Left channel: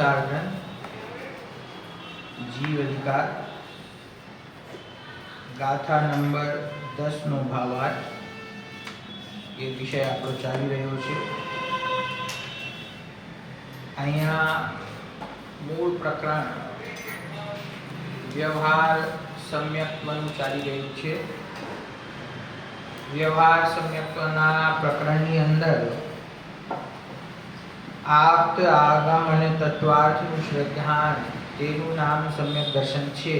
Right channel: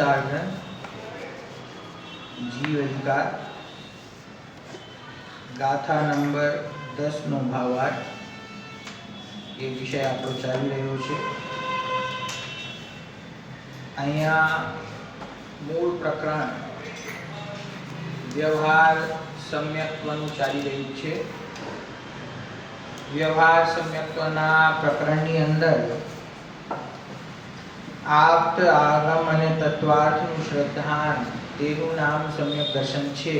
પુરુષાર્જન, જીવ અધિકાર, ગાથા નંબર 10 નો ભાવાર્થ એ વિષય આપણો ચાલી રહ્યો છે. અહીંયા મૂળ પ્રકરણ વ્યવહાર સમ્યક્ત્વનું ચાલી રહ્યું છે. વ્યવહાર સમ્યક્ત્વના પ્રકરણની અંદર આપ્ત, આગમ અને તત્વાર્થનું શ્રદ્ધાંત તેનું નામ સમ્યક દર્શન છે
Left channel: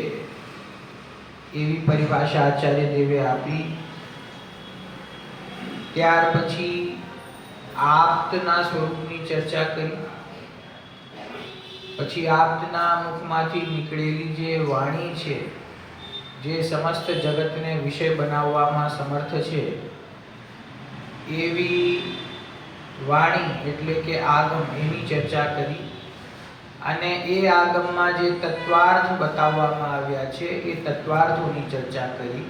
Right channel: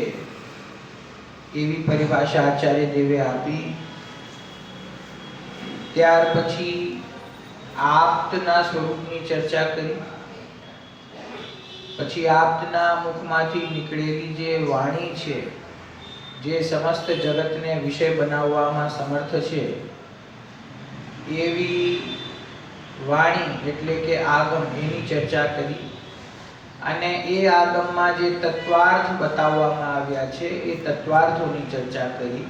એવી પરિભાષા આચાર્ય દેવે આપી. ત્યાર પછી આપ્તના સ્વરૂપની ચર્ચા કરી. પછી આપ્તના મુખમાંથી નીકળેલી જે વાણી છે, જે સમસ્ત જગતને વિષય બનાવવામાં સમર્થ છે, એવી વાણી એટલે કે આગમ એની ચર્ચા કરી. અને એ આગમમાં જે તત્વાર્થ બતાવવામાં આવ્યા છે એ તત્વાર્થોની ચર્ચા કરી.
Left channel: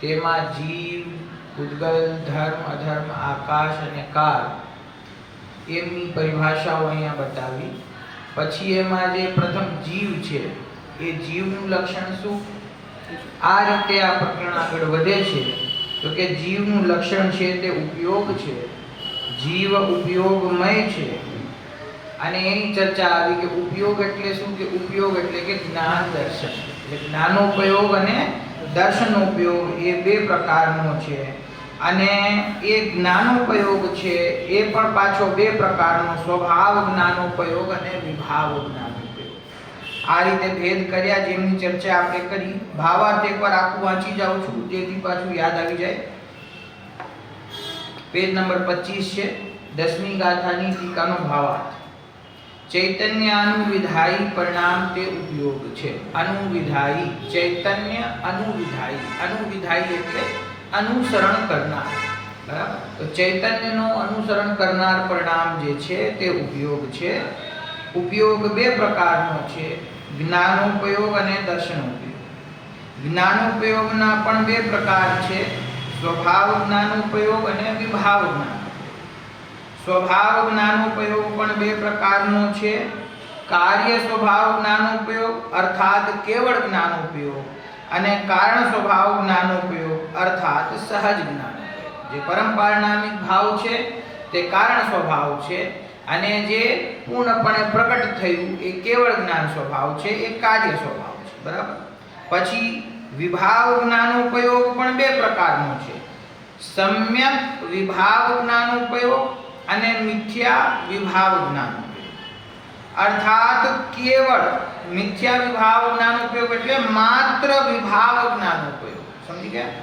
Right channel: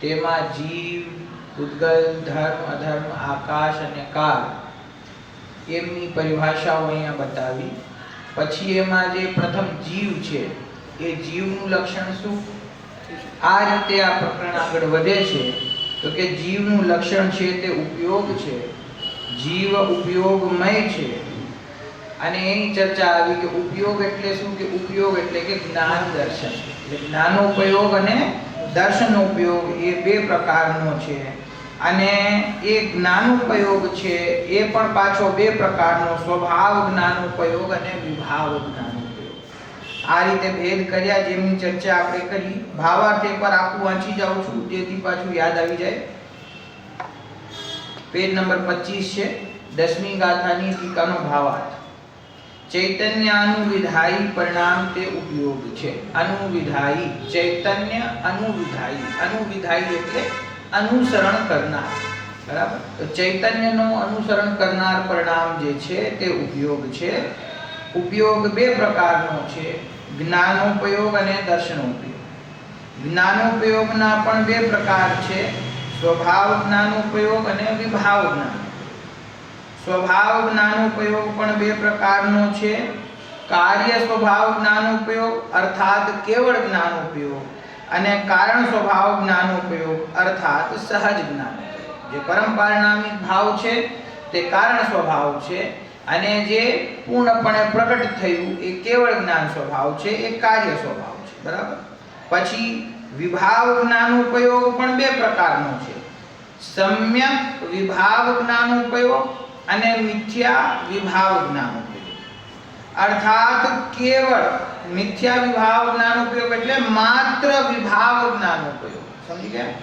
તેમાં જીવ, ઉદ્ગલ, ધર્મ, અધર્મ, આકાશ અને કાળ એમની પરિભાષાઓ અહીંયા બતાવી. પછી એમાં જે પ્રથમ જીવ છે એ જીવનું લક્ષણ શું, આ રીતે આ પ્રકરણ આગળ વધે છે. તો કે જીવનું લક્ષણ છે તે ઉપયોગ છે. જીવ ઉપયોગમય છે. અને એની ચર્ચા આવી કે ઉપયોગ એટલે શું, કે ઉપયોગ એટલે કે જ્ઞાન દર્શન. એટલે જ્ઞાનોપયોગ અને દર્શનોપયોગ એ બે પ્રકારનો છે. અને એ જ્ઞાનોપયોગ છે એ પણ પાછો બે પ્રકારનો, સ્વભાવ જ્ઞાનોપયોગ અને વિભાવ જ્ઞાનોપયોગ. આ રીતે ભેદ કર્યા, જેમની ચર્ચા આપણે કરી. ભાવાર્થ એકવાર આખું વાંચી જાઉં છું જેથી પાછું યાદ આવી જાય. પેજ નંબર 25 છે, 10મી ગાથાની ટીકાનો ભાવાર્થ. ચૈતન્ય અનુવિધાયી પરિણામ તે ઉપયોગ છે. અનુવિધાયી, ચૈતન્ય અનુવિધાયી. અનુવિધાયી એટલે અનુસરણ કરનાર, બરાબર. તો ચૈતન્યનો અનુસરણ કરનાર પરિણામ જે છે તે ઉપયોગ છે. ઉપયોગ બે પ્રકારનો છે, જ્ઞાનોપયોગ અને દર્શનોપયોગ. જ્ઞાનોપયોગના પણ બે પ્રકાર છે, સ્વભાવ જ્ઞાનોપયોગ અને વિભાવ જ્ઞાન. સ્વભાવ જ્ઞાનોપયોગ પણ બે પ્રકારનો છે, કાર્ય સ્વભાવ જ્ઞાનોપયોગ અર્થાત કેવળ જ્ઞાનોપયોગ, અને કારણ સ્વભાવ જ્ઞાનોપયોગ અર્થાત સહજ જ્ઞાનોપયોગ. જે પરમ પારિણામિક ભાવ છે તે કારણ સ્વભાવ છે, અને જે પૂર્ણપણે પ્રગટ થયું એ કેવળ જ્ઞાન સ્વભાવ છે, એ કાર્ય સ્વભાવ છે, બરાબર. પછી વિભાવ જ્ઞાનોપયોગ પણ બે પ્રકારનો છે, સમ્યક વિભાવ જ્ઞાનોપયોગ અને મિથ્યા વિભાવ જ્ઞાનોપયોગ. અર્થાત કેવળ મિથ્યા વિભાવ જ્ઞાનોપયોગ એટલે માત્ર વિભાવ જ્ઞાનોપયોગ. સમજી ગયા?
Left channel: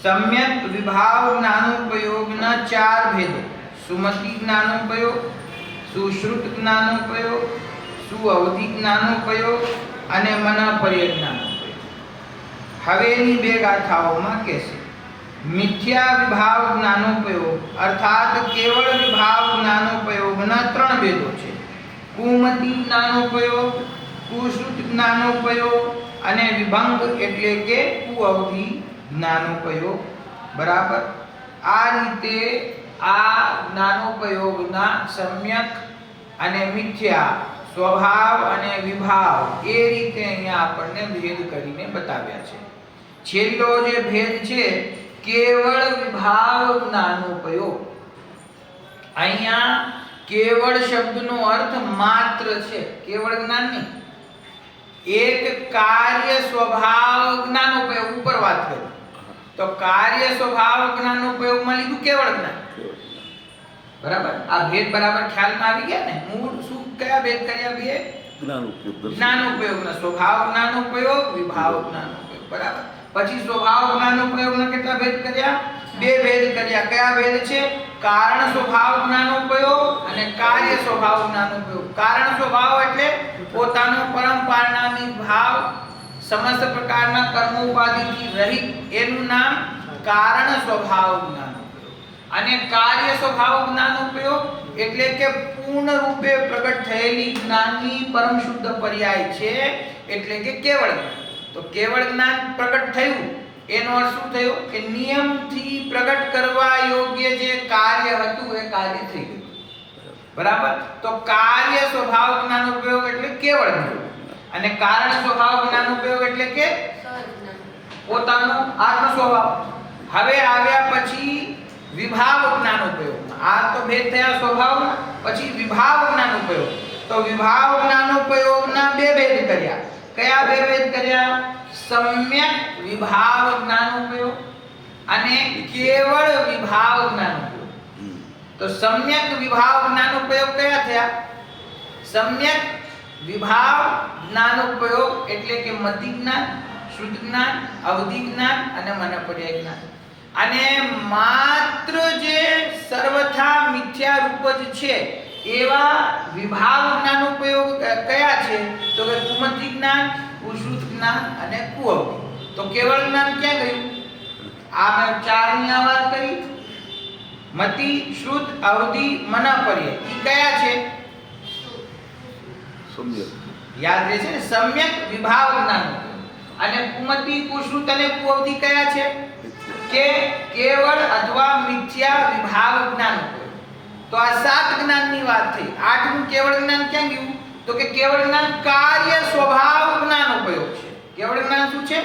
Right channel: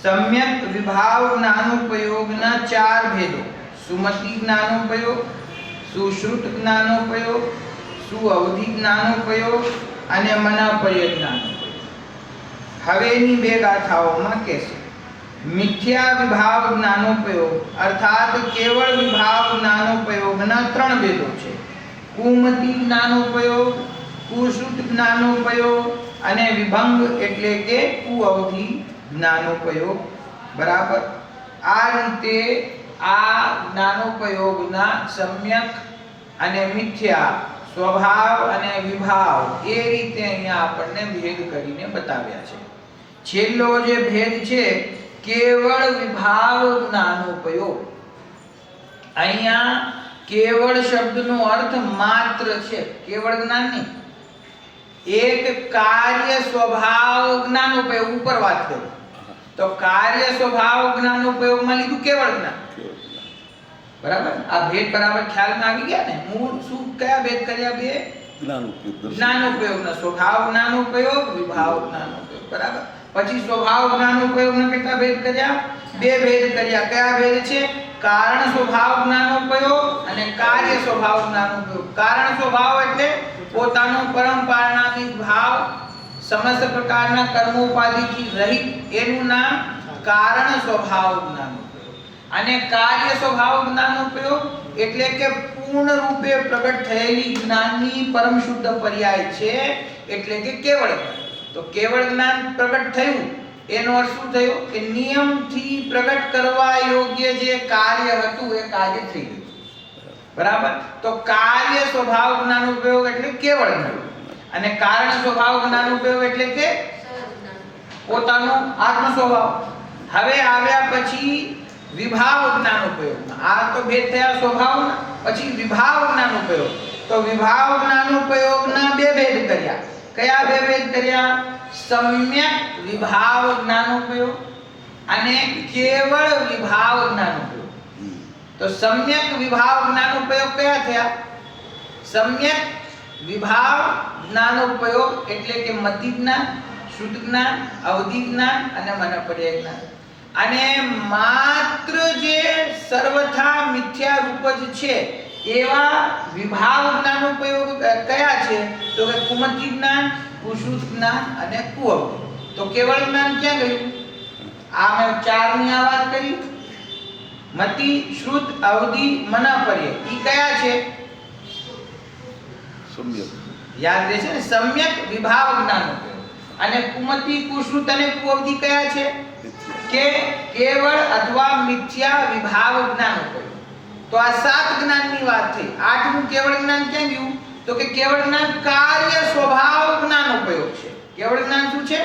સમ્યક વિભાવ જ્ઞાનોપયોગના ચાર ભેદો: સુમતિ જ્ઞાનોપયોગ, સુશ્રુત જ્ઞાનોપયોગ, સુઅવધિ જ્ઞાનોપયોગ અને મનઃપર્ય જ્ઞાનોપયોગ. હવે એની બે ગાથાઓમાં કહેશે. મિથ્યા વિભાવ જ્ઞાનોપયોગ અર્થાત કેવળ વિભાવ જ્ઞાનોપયોગના ત્રણ ભેદો છે: કુમતિ જ્ઞાનોપયોગ, કુશ્રુત જ્ઞાનોપયોગ અને વિભંગ એટલે કે કુઅવધિ જ્ઞાનોપયોગ, બરાબર. આ રીતે આ જ્ઞાનોપયોગના સમ્યક અને મિથ્યા, સ્વભાવ અને વિભાવ એ રીતે અહીંયા આપણને ભેદ કરીને બતાવ્યા છે. છેલ્લો જે ભેદ છે કેવળ વિભાવ જ્ઞાનોપયોગ. અહીંયા કેવળ શબ્દનો અર્થ માત્ર છે, કેવળ જ્ઞાન નહીં. એક કાર્ય સ્વભાવ જ્ઞાનોપયોગ ઉપર વાત કરું તો કાર્ય સ્વભાવ જ્ઞાનોપયોગમાં લીધું કેવળ જ્ઞાન, બરાબર. આ ભેદ બરાબર ખ્યાલમાં આવી ગયા ને? મૂળ શું કયા ભેદ કર્યા? બે જ્ઞાનોપયોગના, સ્વભાવ જ્ઞાનોપયોગ, વિભાવ જ્ઞાનોપયોગ, બરાબર. પછી સ્વભાવ જ્ઞાનોપયોગના કેટલા ભેદ કર્યા? બે ભેદ કર્યા. કયા ભેદ છે? કારણ સ્વભાવ જ્ઞાનોપયોગ અને કાર્ય સ્વભાવ જ્ઞાનોપયોગ. કારણ સ્વભાવ એટલે પોતાનો પરમ પારિણામિક ભાવ, સમસ્ત પ્રકારના કર્મોપાધિથી રહિત, એનું નામ કારણ સ્વભાવ જ્ઞાનોપયોગ. અને કાર્ય સ્વભાવ જ્ઞાનોપયોગ એટલે કે પૂર્ણ રૂપે પ્રગટ થયેલી જ્ઞાનની પરમ શુદ્ધ પર્યાય છે, એટલે કે કેવળ જ્ઞાન. તો કેવળ જ્ઞાન પ્રગટ થયું એનો અર્થ શું થયો? કે નિયમથી પ્રગટ કરવા યોગ્ય જે કાર્ય હતું એ કાર્ય થઈ ગયું. બરાબર. તો કાર્ય સ્વભાવ જ્ઞાન ઉપયોગ એટલે કેવળ જ્ઞાન, અને કારણ સ્વભાવ જ્ઞાન ઉપયોગ એટલે કે પોતાનો આત્મ સ્વભાવ. હવે આવ્યા પછી વિભાવ જ્ઞાન ઉપયોગ. આ તો ભેદ થયા સ્વભાવના. પછી વિભાવ જ્ઞાન ઉપયોગ. તો વિભાવ જ્ઞાન ઉપયોગના બે ભેદ કર્યા. કયા બે ભેદ કર્યા? સમ્યક વિભાવ જ્ઞાન ઉપયોગ અને કેવળ વિભાવ જ્ઞાન ઉપયોગ. તો સમ્યક વિભાવ જ્ઞાન ઉપયોગ કયા થયા? સમ્યક વિભાવ જ્ઞાન ઉપયોગ એટલે કે મતિ જ્ઞાન, શુદ્ધ જ્ઞાન, અવધિ જ્ઞાન અને મનપર્યાય જ્ઞાન. અને માત્ર જે સર્વથા મિથ્યા રૂપ જ છે એવા વિભાવ જ્ઞાન ઉપયોગ કયા છે? તો કે કુમતિ જ્ઞાન, કુશ્રુત જ્ઞાન અને કુઅવધિ. તો કેવળ જ્ઞાન ક્યાં ગયું? આ મેં ચારની આ વાત કરી. મતિ, શ્રુત, અવધિ, મનપર્યાય ઈ કયા છે? સમ્યક. યાદ રહેશે ને? સમ્યક વિભાવ જ્ઞાન ઉપયોગ. અને કુમતિ, કુશ્રુત અને કુઅવધિ કયા છે? કે કેવળ અથવા મિથ્યા વિભાવ જ્ઞાન ઉપયોગ. તો આ 7 જ્ઞાનની વાત થઈ. 8મું કેવળ જ્ઞાન ક્યાં ગયું? તો કે કેવળ જ્ઞાન કાર્ય સ્વભાવ જ્ઞાન ઉપયોગ છે. કેવળ જ્ઞાન શું છે?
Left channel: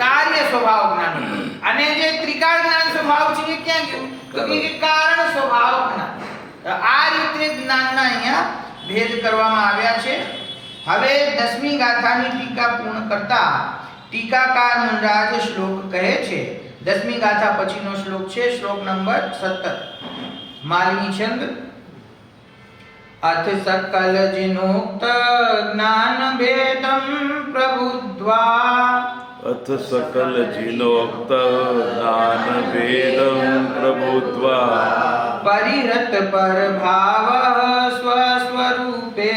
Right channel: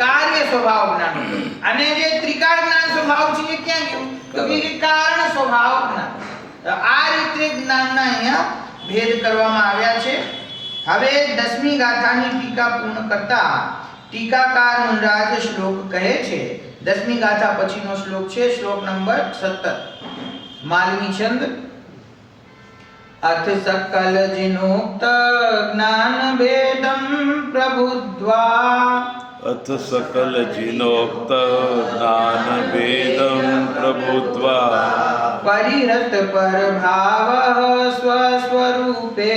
કાર્ય સ્વભાવ જ્ઞાન ઉપયોગ. અને જે ત્રિકાળ જ્ઞાન સ્વભાવ છે એ ક્યાં ગયું? તો કે કારણ સ્વભાવ જ્ઞાન. આ રીતે જ્ઞાનના અહીંયા ભેદ કરવામાં આવ્યા છે. હવે 10મી ગાથાની ટીકા પૂર્ણ કરતા ટીકાકાર મુનરાજ શ્લોક કહે છે. 10મી ગાથા પછીનો શ્લોક છે શ્લોક નંબર 17. માલિની છંદ. અથ સકલ જીનોક્ત જ્ઞાન ભેદમ પ્રબુદ્ધ્વા. અથ સકલ જીનોક્ત જ્ઞાન ભેદમ પ્રબુદ્ધ્વા. પરિહત પરભાવ સ્વસ્વરૂપે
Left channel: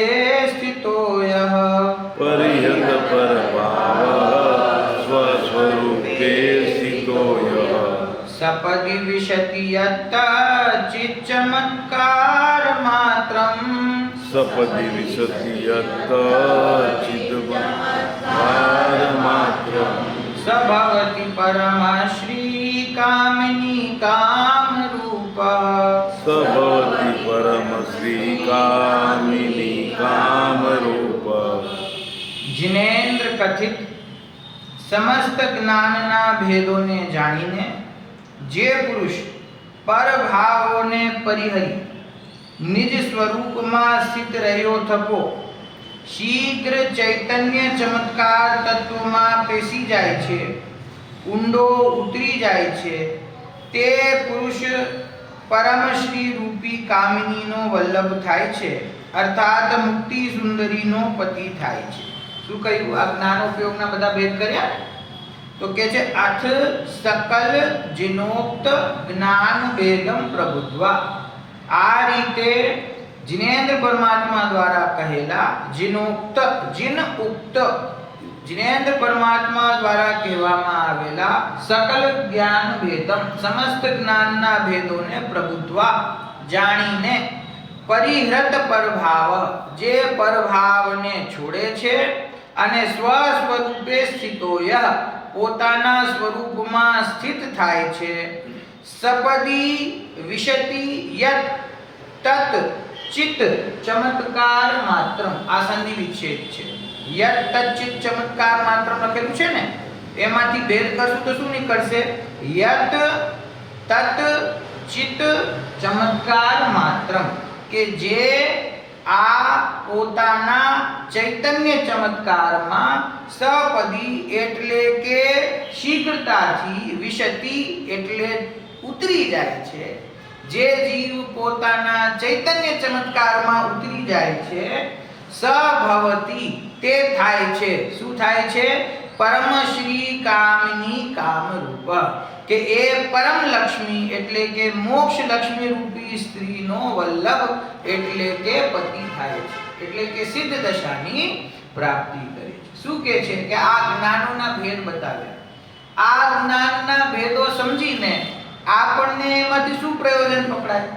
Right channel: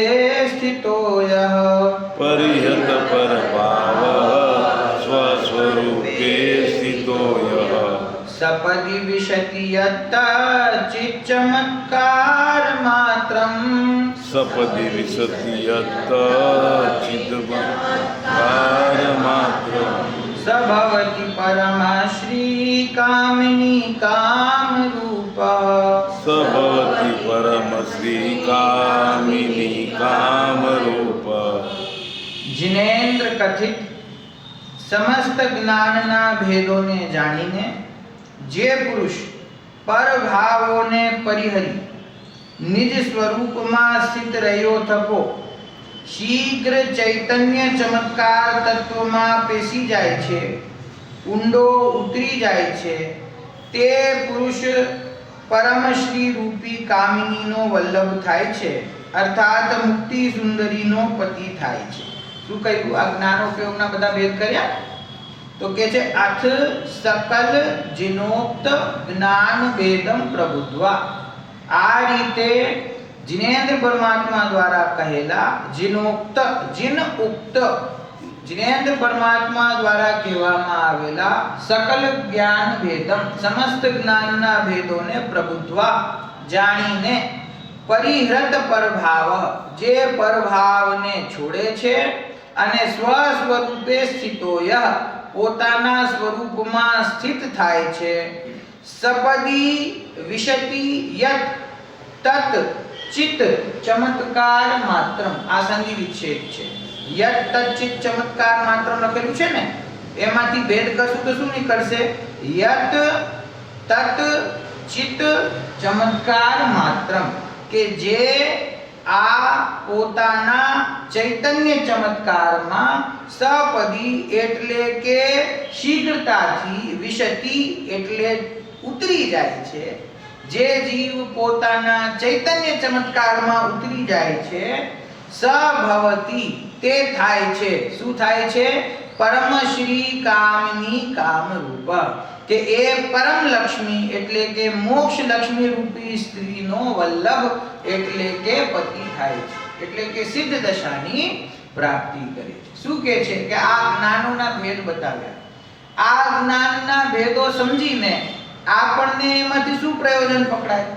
સ્થિતો યઃ. પરિહત પરભાવ સ્વસ્વરૂપે સ્થિતો યઃ. સપદિ વિશતિ યત્ત ચિત્ચમત્કાર માત્રમ. સપદિ વિશતિ યત્ત ચિત્તમત્કાર માત્રમ. સભવતિ પરમશ્રી કામિની કામરૂપ. સભવતિ પરમ શ્રી કામિની કામરૂપ. જિનેન્દ્ર કથિત સમસ્ત જ્ઞાનના ભેદોને જાણીને જે પુરુષ પરભાવોને પરિહરી નિજ સ્વરૂપમાં સ્થિત રહ્યો થકો શીઘ્ર ચૈતન્ય ચમત્કાર તત્વમાં પેસી જાય છે, ઊંડો ઉતરી જાય છે, તે પુરુષ પરમશ્રી રૂપી કામિનીનો વલ્લભ થાય છે, અર્થાત મુક્તિ સુંદરીનો પતિ થાય છે. શું કહ્યું? આ જ્ઞાનોપયોગના બધા ભેદ કર્યા. તો કે છે અથ સકલ જીનોક્ત જ્ઞાન ભેદમ પ્રબુદ્ધ્વા. આ રીતે જિનેન્દ્ર પરમાત્મા દ્વારા કહેલા જીનોક્ત, જીન ઉક્ત, જિનેન્દ્ર પરમાત્મા દ્વારા કહેવામાં આવેલા સકલ જ્ઞાન ભેદમ, સમસ્ત જ્ઞાનના ભેદોને પ્રબુદ્ધ્વા જાણીને, પરિહૃત પરભાવ, જે પરભાવને છોડે છે, અને સ્વ સ્વરૂપે સ્થિતો યઃ, પોતાના સ્વરૂપમાં સ્થિત થાય છે. સપદી વિશતિ યત તત ચિત્ત ચમત્કાર માત્રમ. આ સંધિ વિચ્છેદ છે. યત તત ચિત્ત ચમત્કાર માત્રમ લખેલું છે ને, એમાંથી ભેદ કરશું તો શું નીકળશે? યત તત ચિત્ત ચમત્કાર માત્રમ. કે જે આ પોતાના ચૈતન્ય ચમત્કારમાં સપદી એટલે કે શીઘ્રતાથી, વિશતિ એટલે ઉતરી જાય છે, જે જીવ પોતાના ચૈતન્ય ચમત્કારમાં ઉતરી જાય છે, સભવતી તે થાય છે. શું થાય છે? પરમ શ્રી કામની કામરૂપ. કે એ પરમ લક્ષ્મી એટલે કે મોક્ષ લક્ષ્મી રૂપી સ્ત્રીનો વલ્લભ એટલે કે પતિ થાય છે, એટલે કે સિદ્ધ દશાની પ્રાપ્તિ કરે છે. શું કહે છે? કે આ જ્ઞાનોના ભેદ બતાવ્યા. આ જ્ઞાનના ભેદો સમજીને આપણને એમાંથી શું પ્રયોજન પકડાય?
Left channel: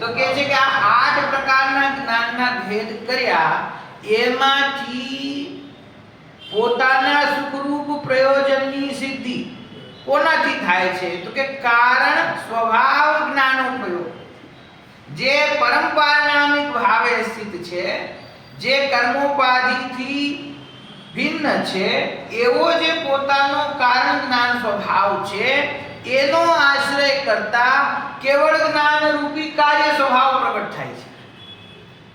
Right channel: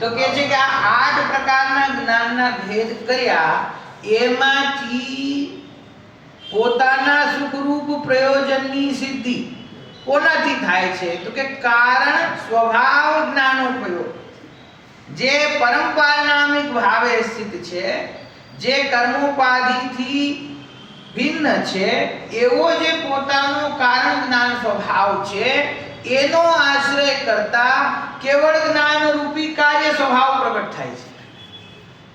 તો કહે છે કે આ 8 પ્રકારના જ્ઞાનના ભેદ કર્યા, એમાંથી પોતાના સુખરૂપ પ્રયોજનની સિદ્ધિ કોનાથી થાય છે? તો કે કારણ સ્વભાવ જ્ઞાનોપયોગ. જે પરમ પારણામિક ભાવે સ્થિત છે, જે કર્મોપાધિથી ભિન્ન છે, એવો જે પોતાનો કારણ જ્ઞાન સ્વભાવ છે, એનો આશ્રય કરતા કેવળ જ્ઞાન રૂપી કાર્ય સ્વભાવ પ્રગટ થાય છે.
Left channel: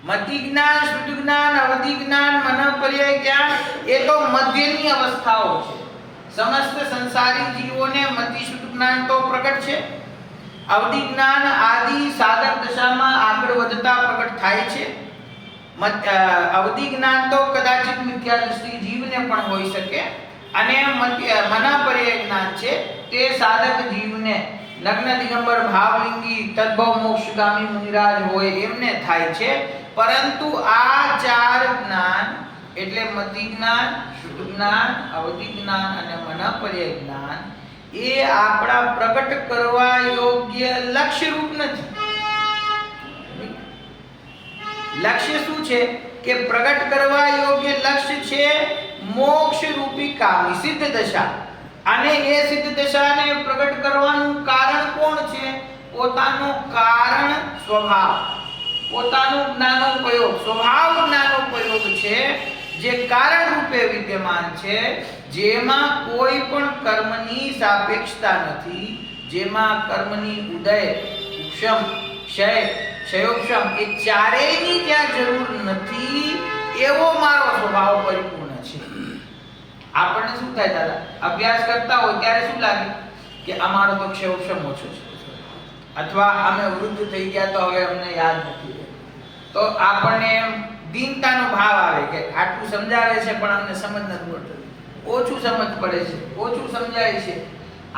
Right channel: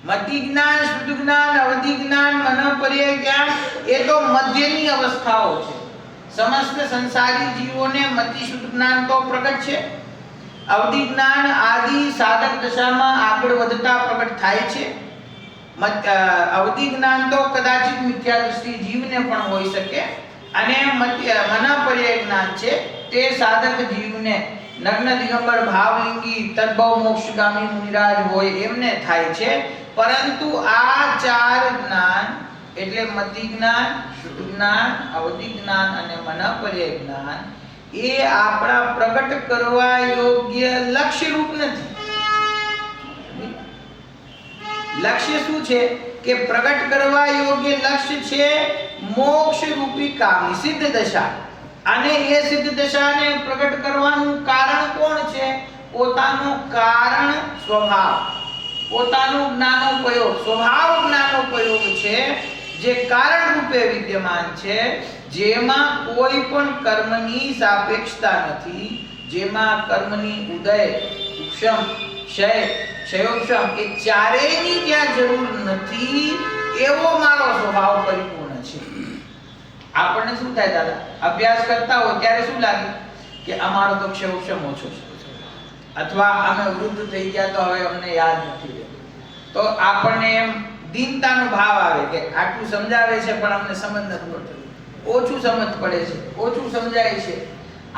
મતિ જ્ઞાન, શુદ્ધ જ્ઞાન, અવધિ જ્ઞાન, મનોપર્યય જ્ઞાન એ તો મધ્યની અવસ્થાઓ છે. સમસ્ત સંસારી જીવોને મતિ શુદ્ધ જ્ઞાન તો પ્રગટ છે. અવધિ જ્ઞાન આદિ સાધક દશામાં આગળ વધતા પ્રગટ થાય છે. અવધિ જ્ઞાન તો કદાચિત મિથ્યા દૃષ્ટિ જીવને પણ હોઈ શકે, અને મનોપર્યય જ્ઞાન છે તે સાધક જીવને નગ્ન દિગંબર ભાવલિંગી તદ્ભવ મોક્ષગામી મુનિરાજ હોય એમને થાય છે. પરંતુ આ ચાર જ્ઞાન એટલે મતિ જ્ઞાન, શુદ્ધ જ્ઞાન, અવધિ જ્ઞાન અને મનોપર્યય જ્ઞાન એ આપણા પ્રગટ કરવા યોગ્ય લક્ષ્ય રૂપ નથી. લક્ષ્ય શું છે કે પ્રગટ કરવા યોગ્ય લક્ષ્ય છે મોક્ષ રૂપી કામી સિદ્ધ દશા. અને એ સિદ્ધ દશાને પ્રગટ કરવાનું કારણ કોણ છે? પોતાનો કારણ સ્વભાવ, પોતાનું જ્ઞાનોપયોગ, સ્વભાવ જ્ઞાનોપયોગ છે, જે કારણ રૂપે વિદ્યમાન છે, જેમાં કોઈ પણ કર્મની સાપેક્ષતા નથી, જેમાં કર્મની ઉદય, ઉપશમ, ક્ષય, ક્ષયોપશમ એ ચારેયની જ્યાં જરૂર નથી, એવો મારો સ્વભાવ પરિપૂર્ણ છે. આપણને શું થાય દાદા, અભ્યાસ કરતા હોય ત્યારે શું લાગે કે અમારો તો ક્ષયોપશમ ઓછો છે, અથવા અમે વૃદ્ધ થઈ ગયા તો હવે અમને યાદ નથી રહેતું. તો આપણને એમ દીનતાનો ભાવ આવે કે આટલું સમજાવે છે પણ અમને સમજ નથી પડતી, ઓછું સમજ પડે છે, ઓછું સમજાય છે.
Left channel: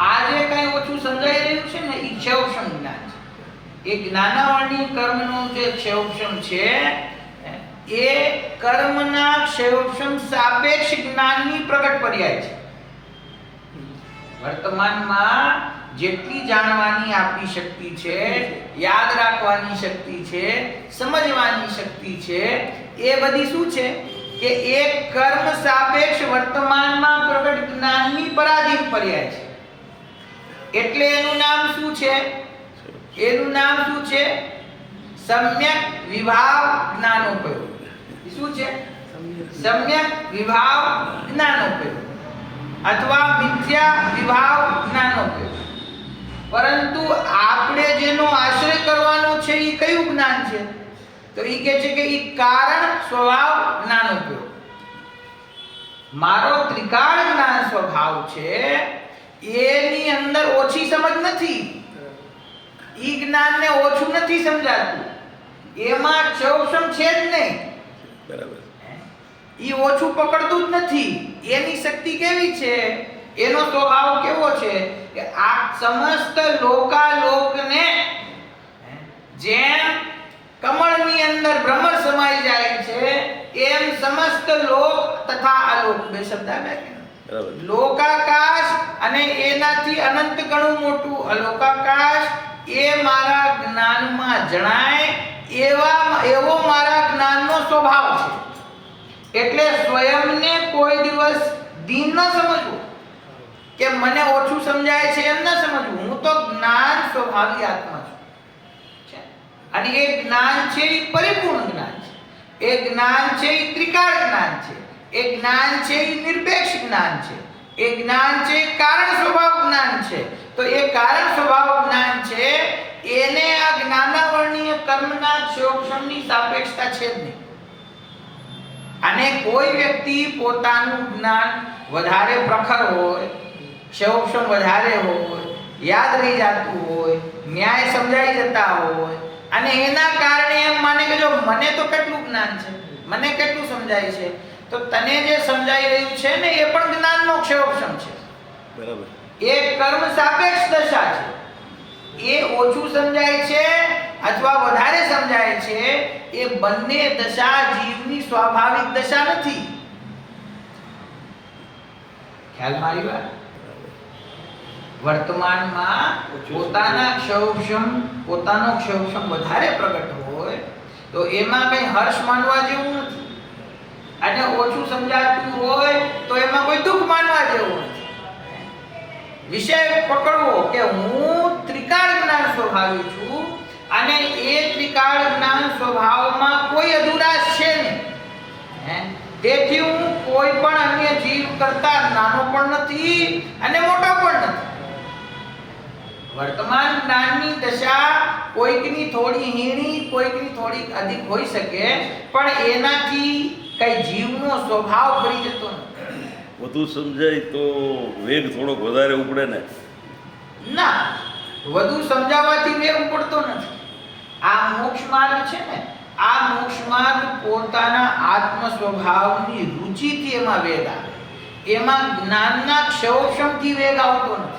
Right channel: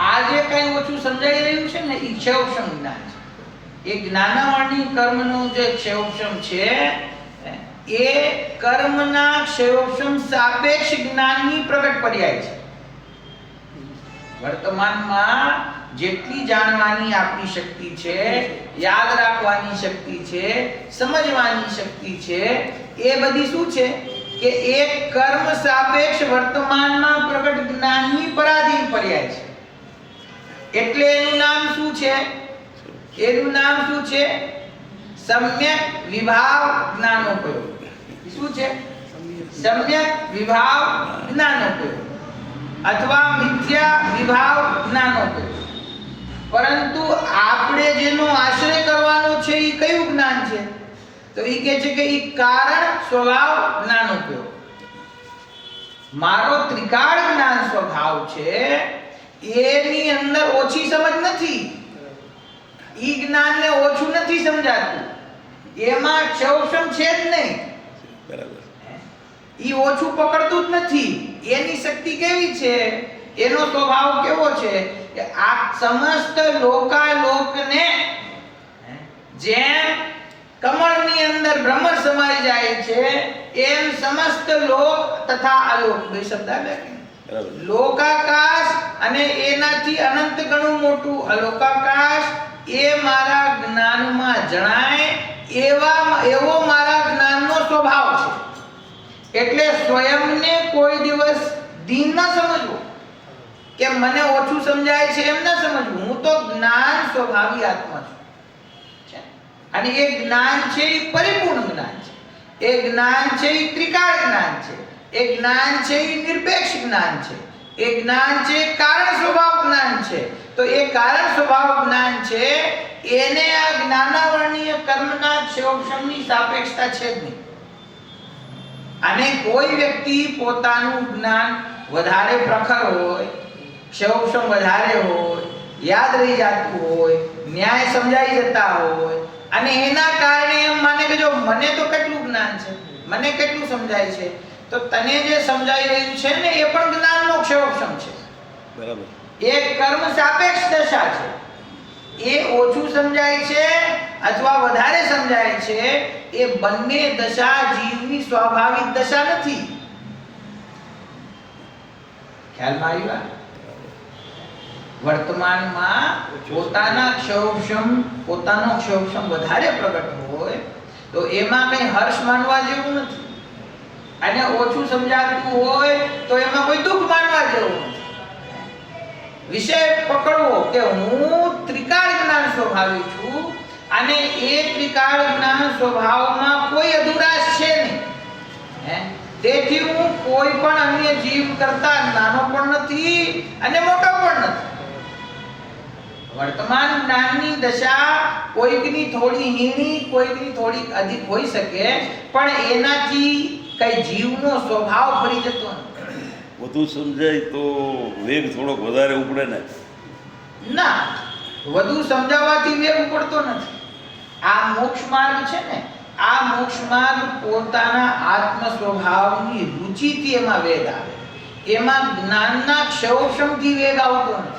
આજે કઈ ઓછું સમજાઈ રહ્યું છે ને એ ક્ષયોપશમ જ્ઞાન છે. એ જ્ઞાનાવાણી કર્મનું જે ક્ષયોપશમ છે એ કર્મના ક્ષયોપશમ સાપેક્ષ જ્ઞાનની પ્રગટ પર્યાય છે. વર્તમાનમાં જેટલી જાણવાની આપણી શક્તિ છે, યાદ રાખવાની શક્તિ છે, સમજવાની શક્તિ છે, એ બધી શું છે કે એ કર્મ સાપેક્ષ વર્તમાનમાં પ્રગટ જ્ઞાનની પરાધીન પર્યાય છે. એટલે એનું નામ શું છે? એનું નામ શું છે? સમ્યક વિભાવ જ્ઞાનોપયોગ. શું છે? સમ્યક વિભાવ જ્ઞાનોપયોગ અથવા મિથ્યા વિભાવ જ્ઞાનોપયોગ. પરંતુ આપણે જેનો આશ્રય કરવાનો છે એ કયું જ્ઞાન છે? તો એ કહે છે કે એ કારણ સ્વભાવ જ્ઞાનોપયોગ. મારો ત્રિકાળ જ્ઞાન સ્વભાવ છે, એની અંદર ઓછી સમજ નથી, ઈ જ્ઞાનને ઓછું નથી સમજાતું, એમાં ક્ષયોપશમ છે જ નહીં, બરાબર, ઈ ઓછું પકડતું જ નથી. એની શક્તિ કેવી છે, એનો સ્વભાવ કેવો છે કે આ સમસ્ત લોકાલોકને જેમ કમળની અંદર ભ્રમર સમાઈ જાય છે એમ સમસ્ત લોક તથા અલોક બે શબ્દ આવ્યા. બરાબર, લોકાકાશ અને એનાથી અનંત ગણું મોટું અલોકાકાશ એ મારા જ્ઞાનમાં જણાય એવો મારા જ્ઞાનનો સ્વભાવ છે. એટલે સ્વયંને કોઈ દિવસ દીન ન સમજવું કે મને ઓછું સમજાય છે એમ ન સમજવું. હું તો જ્ઞાન સ્વભાવી આત્મા છું, અને એ જ્ઞાન છે એ પરિપૂર્ણ જ્ઞાન છે. એ જ્ઞાન છે એ ત્રિકાળ જ્ઞાન છે. એ જ્ઞાન છે એ નિરપેક્ષ જ્ઞાન છે. એ જ્ઞાન છે કારણ સ્વભાવ જ્ઞાન છે. તો એ કારણ સ્વભાવ જ્ઞાન છે, એને આ જ્ઞાનાવર્ણીય કર્મના ક્ષયોપશમની સાપેક્ષતા છે જ નહીં. અને કોઈ વ્યક્તિ પોતાનું જ્ઞાન વધારે પ્રખર હોય, ક્ષયોપશમ વધારે હોય, યાદ રહી જતું હોય, ન્યાય સમજાઈ જતા હોય, અને એના કારણે એમ માને કે જો મને તો કેટલું જ્ઞાન છે, મને કેટલું સમજાય છે, તો તને જે સમજાઈ રહ્યું છે ને એ પણ જ્ઞાનનો ક્ષયોપશમ છે. બરાબર, એ કર્મ સાપેક્ષ દશા છે. એ ઓછું સમજાય છે અથવા વધારે સમજાય છે, એ બંને દશા જીવની સ્વાભાવિક દશા નથી. ખ્યાલમાં આવ્યા? વર્તમાનમાં પોતાનો ક્ષયોપશમ વધારે પ્રગટ હોય તો એમાં કઈ હર્ષ માનવા જેવું નથી, અને ઓછું સમજાતું હોય તો એમાં કોઈ દુઃખ માનવા જેવું નથી. વિષય પકડવો કે હું ત્રિકાળ જ્ઞાન સ્વભાવી છું, અને એ ત્રિકાળ જ્ઞાન સ્વભાવમાં કોઈ અધુરાશ છે નહીં. તેથી હું કોઈ પણ અન્ય જીવ કરતા નાનો પણ નથી અને મોટો પણ નથી. વર્તમાન જ્ઞાનની દશા કોઈકની થોડી હીણી, કોઈકની થોડી અધિક હોઈ શકે, પણ એનાથી કઈ જીવનો સ્વભાવ ફરી જતો નથી. વધુ સમજાય તો વેગ થોડોક વધારે ઉપડે ને? ના, વધુ સમજાવવાથી વેગ ઉપડતો નથી. આ મોક્ષ માર્ગ છે ને, આ મોક્ષ માર્ગ પોતાના આત્મ સ્વભાવની રુચિથી એમાં વેગ આવે. એમાં જ્ઞાનના ક્ષયોક્ષમથી વેગ આવતો નથી.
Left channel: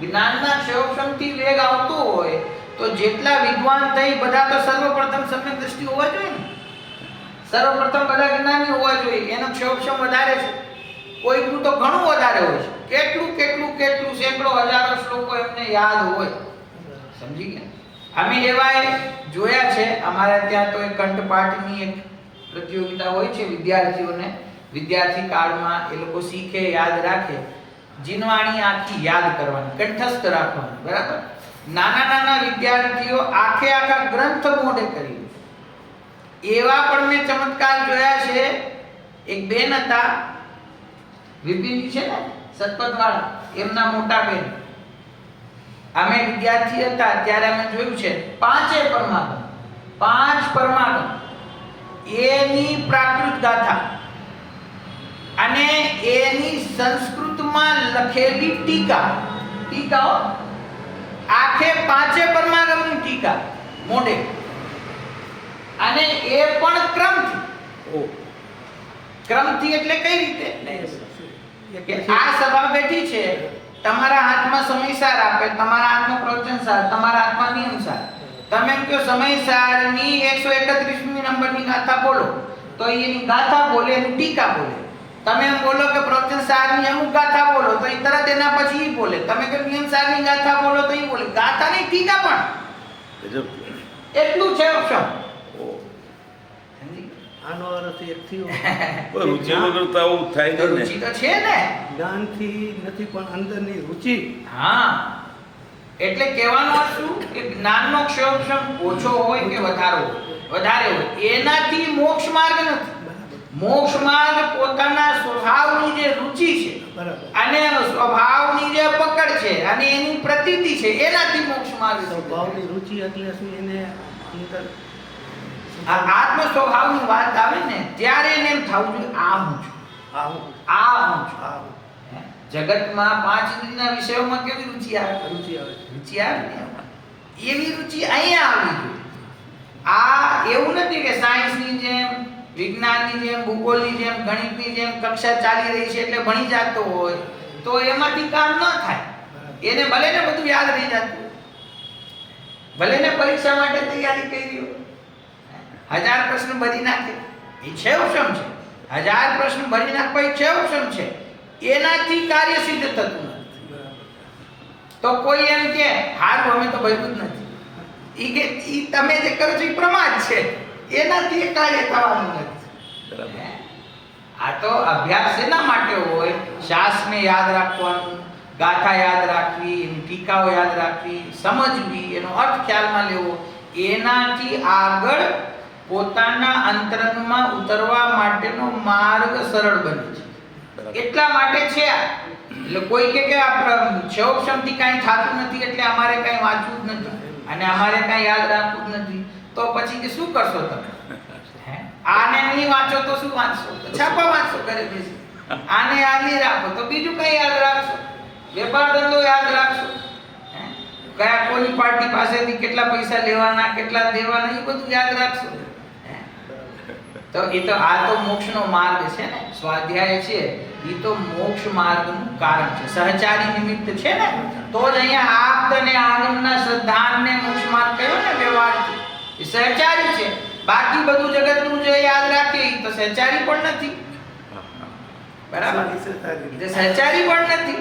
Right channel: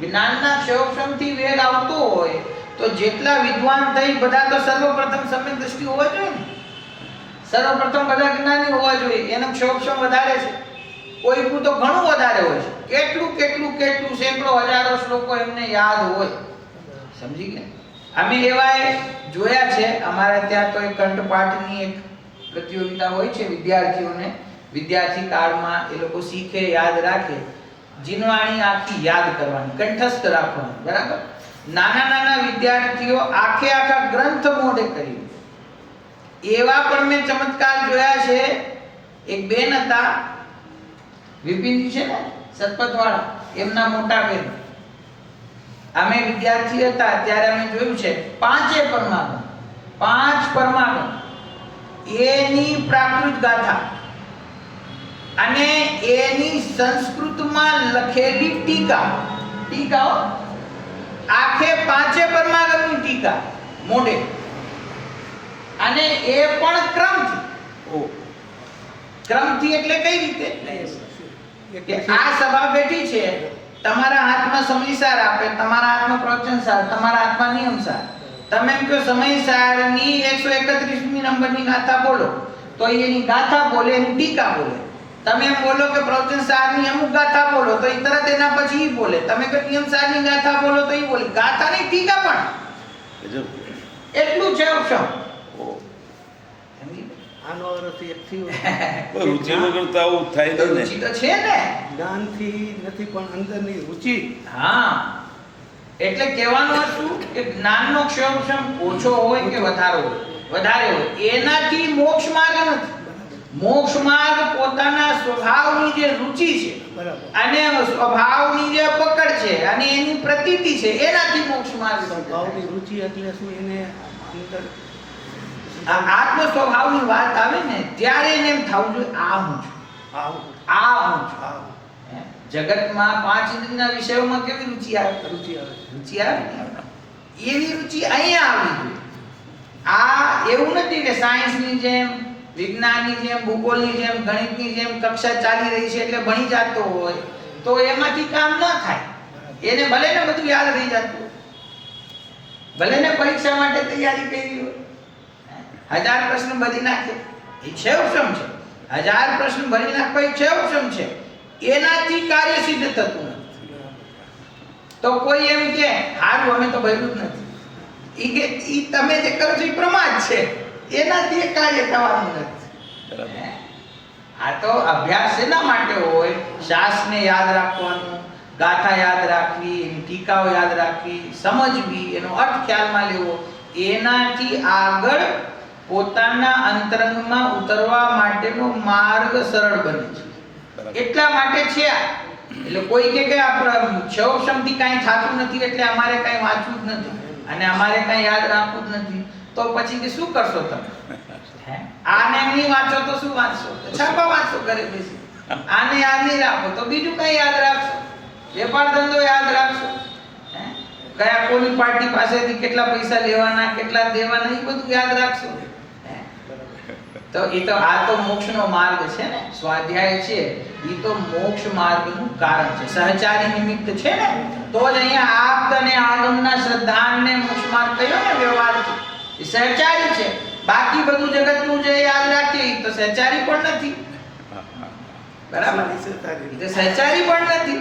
જ્ઞાનના ક્ષયોક્ષમથી વેગ આવતો હોય તો જેટલા વિદ્વાન થઈ બધા તો સર્વપ્રથમ સમ્યક દ્રષ્ટિ હોવા જોઈએ ને. સર્વપ્રથમ બધા જ્ઞાની હોવા જોઈએ. એનો ક્ષયોક્ષમ વધારે છે. કોઈનું તો ઘણું વધારે હોય છે. કેટલું સેંકડો હજારો શ્લોકો એમને યાદ હોય. સમજી ગયા? અમે એવા જોયા છે. અમારા ત્યાં તો એક કંઠપાઠની એક પ્રતિયોગિતા હોય છે વિદ્યાર્થીઓને. વિદ્યાર્થી કાળમાં એ લોકો શીખે, યાદ રાખે. જીનવાણી આખી યાદ કરવાની, કંઠસ્થ રાખવાની. બરાબર? નાના વિદ્યાર્થીઓ આખા ગ્રંથ મોઢે કરી. એવા પણ મેં ચમત્કાર જોયા છે. એક બેન હતા, વિપિનજી છે ને સતપથવાળા, એમના મોટા બેન. અમે વિદ્યાર્થી હતા ત્યારે અમે જોયું છે 5 પરમાગમ એની પ્રાકૃત ગાથા અને એની સંસ્કૃતમાં લખેલી ટીકાઓ આખે 5 પરમાગમની ટીકા મોઢે, અને એ પણ ક્રમથી. એટલે કઈ રીતે કે આ સભા બેઠી છે, તમારા હાથમાં સમયસાર આપે, તમારા હાથમાં પ્રવચનસાર, તમારા હાથમાં નિયમસાર. તમે એમ કહો સમયસારની 131મી નંબરની ગાથા બોલો તો એની ગાથા બોલે, એની ટીકા બોલે. તમે એમ બોલો કે પ્રવચનસારની અમુક ગાથા બોલો તો એ તરત એના પછી બોલે. તમે કહો નિયમસારની ગાથા બોલો તો એ બોલે. ગાથાની ટીકા પણ એટલું છે ઓપ્શન. આનો અર્થ એક થયો રુચિ વગર તો આવું થાય નહીં ને. રુચિ તો છે ને, જ્ઞાનથી નથી પણ અંદરની રુચિ. હા, એટલે કહેવાનો અર્થ શું કે જ્ઞાનનો ક્ષયોક્ષમ ઓછો હોય કે વધારે હોય એનાથી મોક્ષ માર્ગ નથી. મોક્ષ માર્ગ પોતાના સ્વભાવની જે રુચિ છે અને સ્વભાવની જે પકડ છે અને એની પ્રતીતિ છે એનાથી મોક્ષ માર્ગ. સ્વભાવની રુચિ એટલે શું? એને અંદર આત્મ સ્વભાવની વાત આવે ને ત્યારે એને એમ થવું જોઈએ આ હું છું. જગતમાં 5 ઇન્દ્રિયના વિષયોમાં કેવી રુચિ આવે? રુચિ આવે ને એવી રુચિ અહીંયા આવવી જોઈએ. આ એવું નથી કે સાયન્સની જેમ, વિજ્ઞાનની જેમ, ભૂગોળની જેમ, ગણિતની જેમ કક્ષા ચાલી રહી છે એટલે ભણી જતો હોય તો એમાંથી કામ ન થાય. એને ભલે ને બધું યાદ રહી જતું, ભલે ને પરીક્ષા માટે તૈયારી કરી હોય, 1000 પ્રશ્ન ભરી નાખે, એ ક્ષયોક્ષમ છે. 1000 પ્રશ્ન ભરી નાખો એ ક્ષયોક્ષમ છે. એનાથી કાર્ય સિદ્ધ થતું નથી. તો કોઈ એમ કે હારું અમે તો ભર્યું જ નથી, ઈ કે ઈ તમે જે કરો છો એ પ્રમાદ છે, એનાથી એ કાર્ય થવાનું નથી. બરાબર. આ તો અભ્યાસ એના માટે હોય, શાસ્ત્રને યાદ રાખવાનું, ગાથા યાદ રાખવી, એની ટીકાઓ યાદ રાખવી, સમજવી, એનો અર્થ ખ્યાલમાં લેવો. એનાથી આગળ પોતાના અંતરંગમાં ઉતરવા માટેનો માર્ગ સરળ બને છે. એટલા માટે છે. એટલે કોઈ કે આ ક્ષયોક્ષમથી કાંઈ થતું નથી એટલે અમારે કાંઈ વાંચવું જ નથી અને અમારે કાંઈ યાદ રાખવું જ નથી, તો પછી કે શું કરશો તમે? આને નહીં વાંચો તો શું વાંચશો? છાપા વાંચો ઘરે બેસી. આને યાદ નહીં રાખો તો બીજું કઈ યાદ રાખશો? વેપાર ધંધો યાદ રાખશો? કયા કોની પાર્ટી પાસેથી કેટલા પૈસા લેવાના, કેટલા દેવાના, એ બધું યાદ રાખશો. તો એ તો આ તો મોક્ષનો માર્ગ છે ને. સ્વાધ્યાય છે એ તો મોક્ષ માર્ગનું કારણ છે, સહચારી નિમિત્ત છે ને. તો જ અહીંયા આપ્ત અને આગમના શ્રદ્ધાનને મોક્ષ માર્ગ કહ્યો ને વ્યવહારથી. એ સહચારી છે. બાકી બધું જગતનું જે યાદ રાખીએ એ તો સહચારી પણ નથી. બરાબર? એ સહચારી પણ નથી.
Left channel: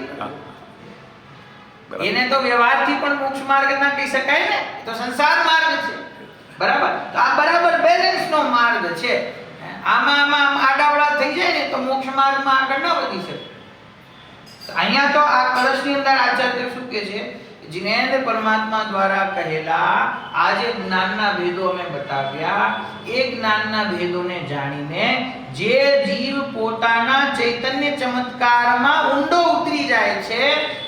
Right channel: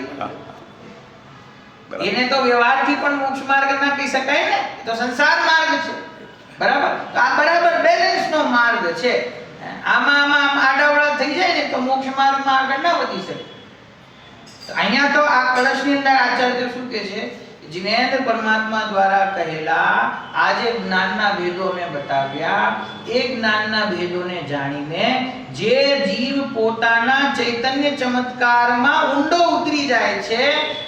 એને તો વ્યવહારથી પણ મોક્ષ માર્ગ ના કહી શકાય ને. એ તો સંસાર માર્ગ છે. બરાબર? તો આ બરાબર બેલેન્સનો માર્ગ છે. આમાં આડાવડા થઈ જાય ને તો મોક્ષ માર્ગમાં આગળ ન વધી શકે. અહીંયા તો આ કળશની અંદર આચાર્ય શું કહે છે जिनेन्द्र परमात्मा द्वारा कहेला આ જે જ્ઞાનના ભેદો અમે બતાવ્યા એ જ્ઞાનના ભેદોને જાણીને જે જીવ પોતાના ચૈતન્ય ચમત્કારમાં ઊંડો ઉતરી જાય છે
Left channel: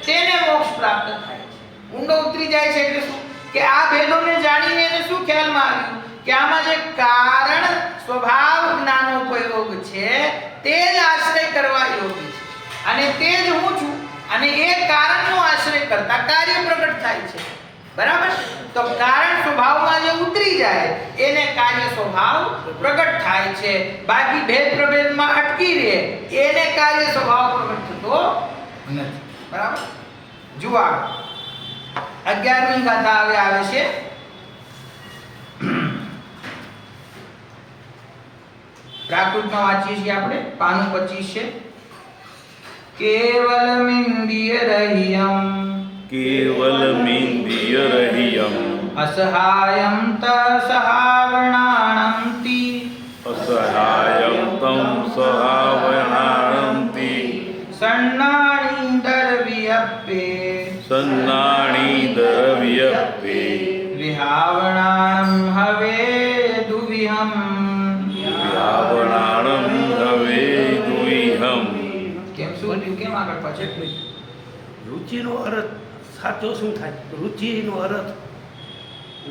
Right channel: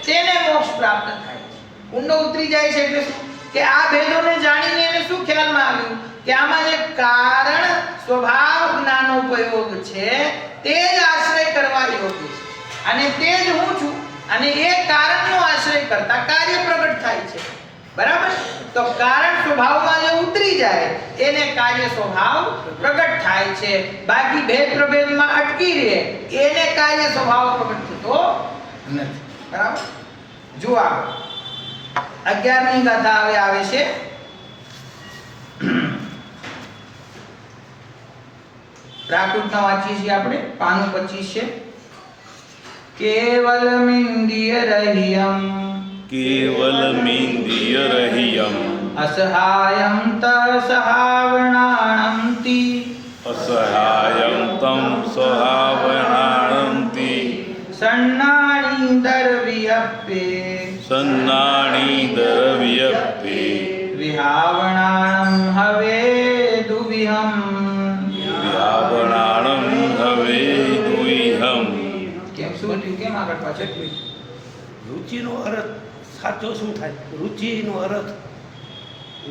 તેને મોક્ષ પ્રાપ્ત થાય છે. ઊંડો ઉતરી જાય છે એટલે શું? કે આ ભેદોને જાણીને એને શું ખ્યાલમાં આવ્યું કે આમાં જે કારણ સ્વભાવ જ્ઞાનોપયોગ છે તે જ આશ્રય કરવા યોગ્ય છે અને તે જ હું છું અને એ કારણનો આશ્રય કરતા કાર્ય પ્રગટ થાય છે. બરાબર? તો કારણ સ્વભાવમાં જે ઉતરી જાય એને કાર્ય સ્વભાવ પ્રગટ થાય છે. બાકી ભેદ પ્રભેદમાં અટકી રહે એને કાર્ય સ્વભાવ પ્રગટ થતો નથી. બરાબર? જો આ 11મી ગાથા હવે આવે છે. પ્રાકૃતમાં વાંચીએ છીએ આપણે. પાનું 25 છે. કેવલમિન્દ્રિય રહિયમ કેવલમિન્દ્રિય રહિયમ અસહાયમ તસહાવણાણંતિ અસહાયમ તમ સહાવણાણંતિ સન્નાણી દર્વ્યપ્પે સન્નાણી દ્રવ્યપે વિહાવણાણં હવે દુવિહમ વ્યાવણાણં હવે દુઈહમ. કેમ શું થયું? કેમ આગળ પાછળ? રુચિનો અર્થ સાચો શું થાય? રુચિનો અર્થ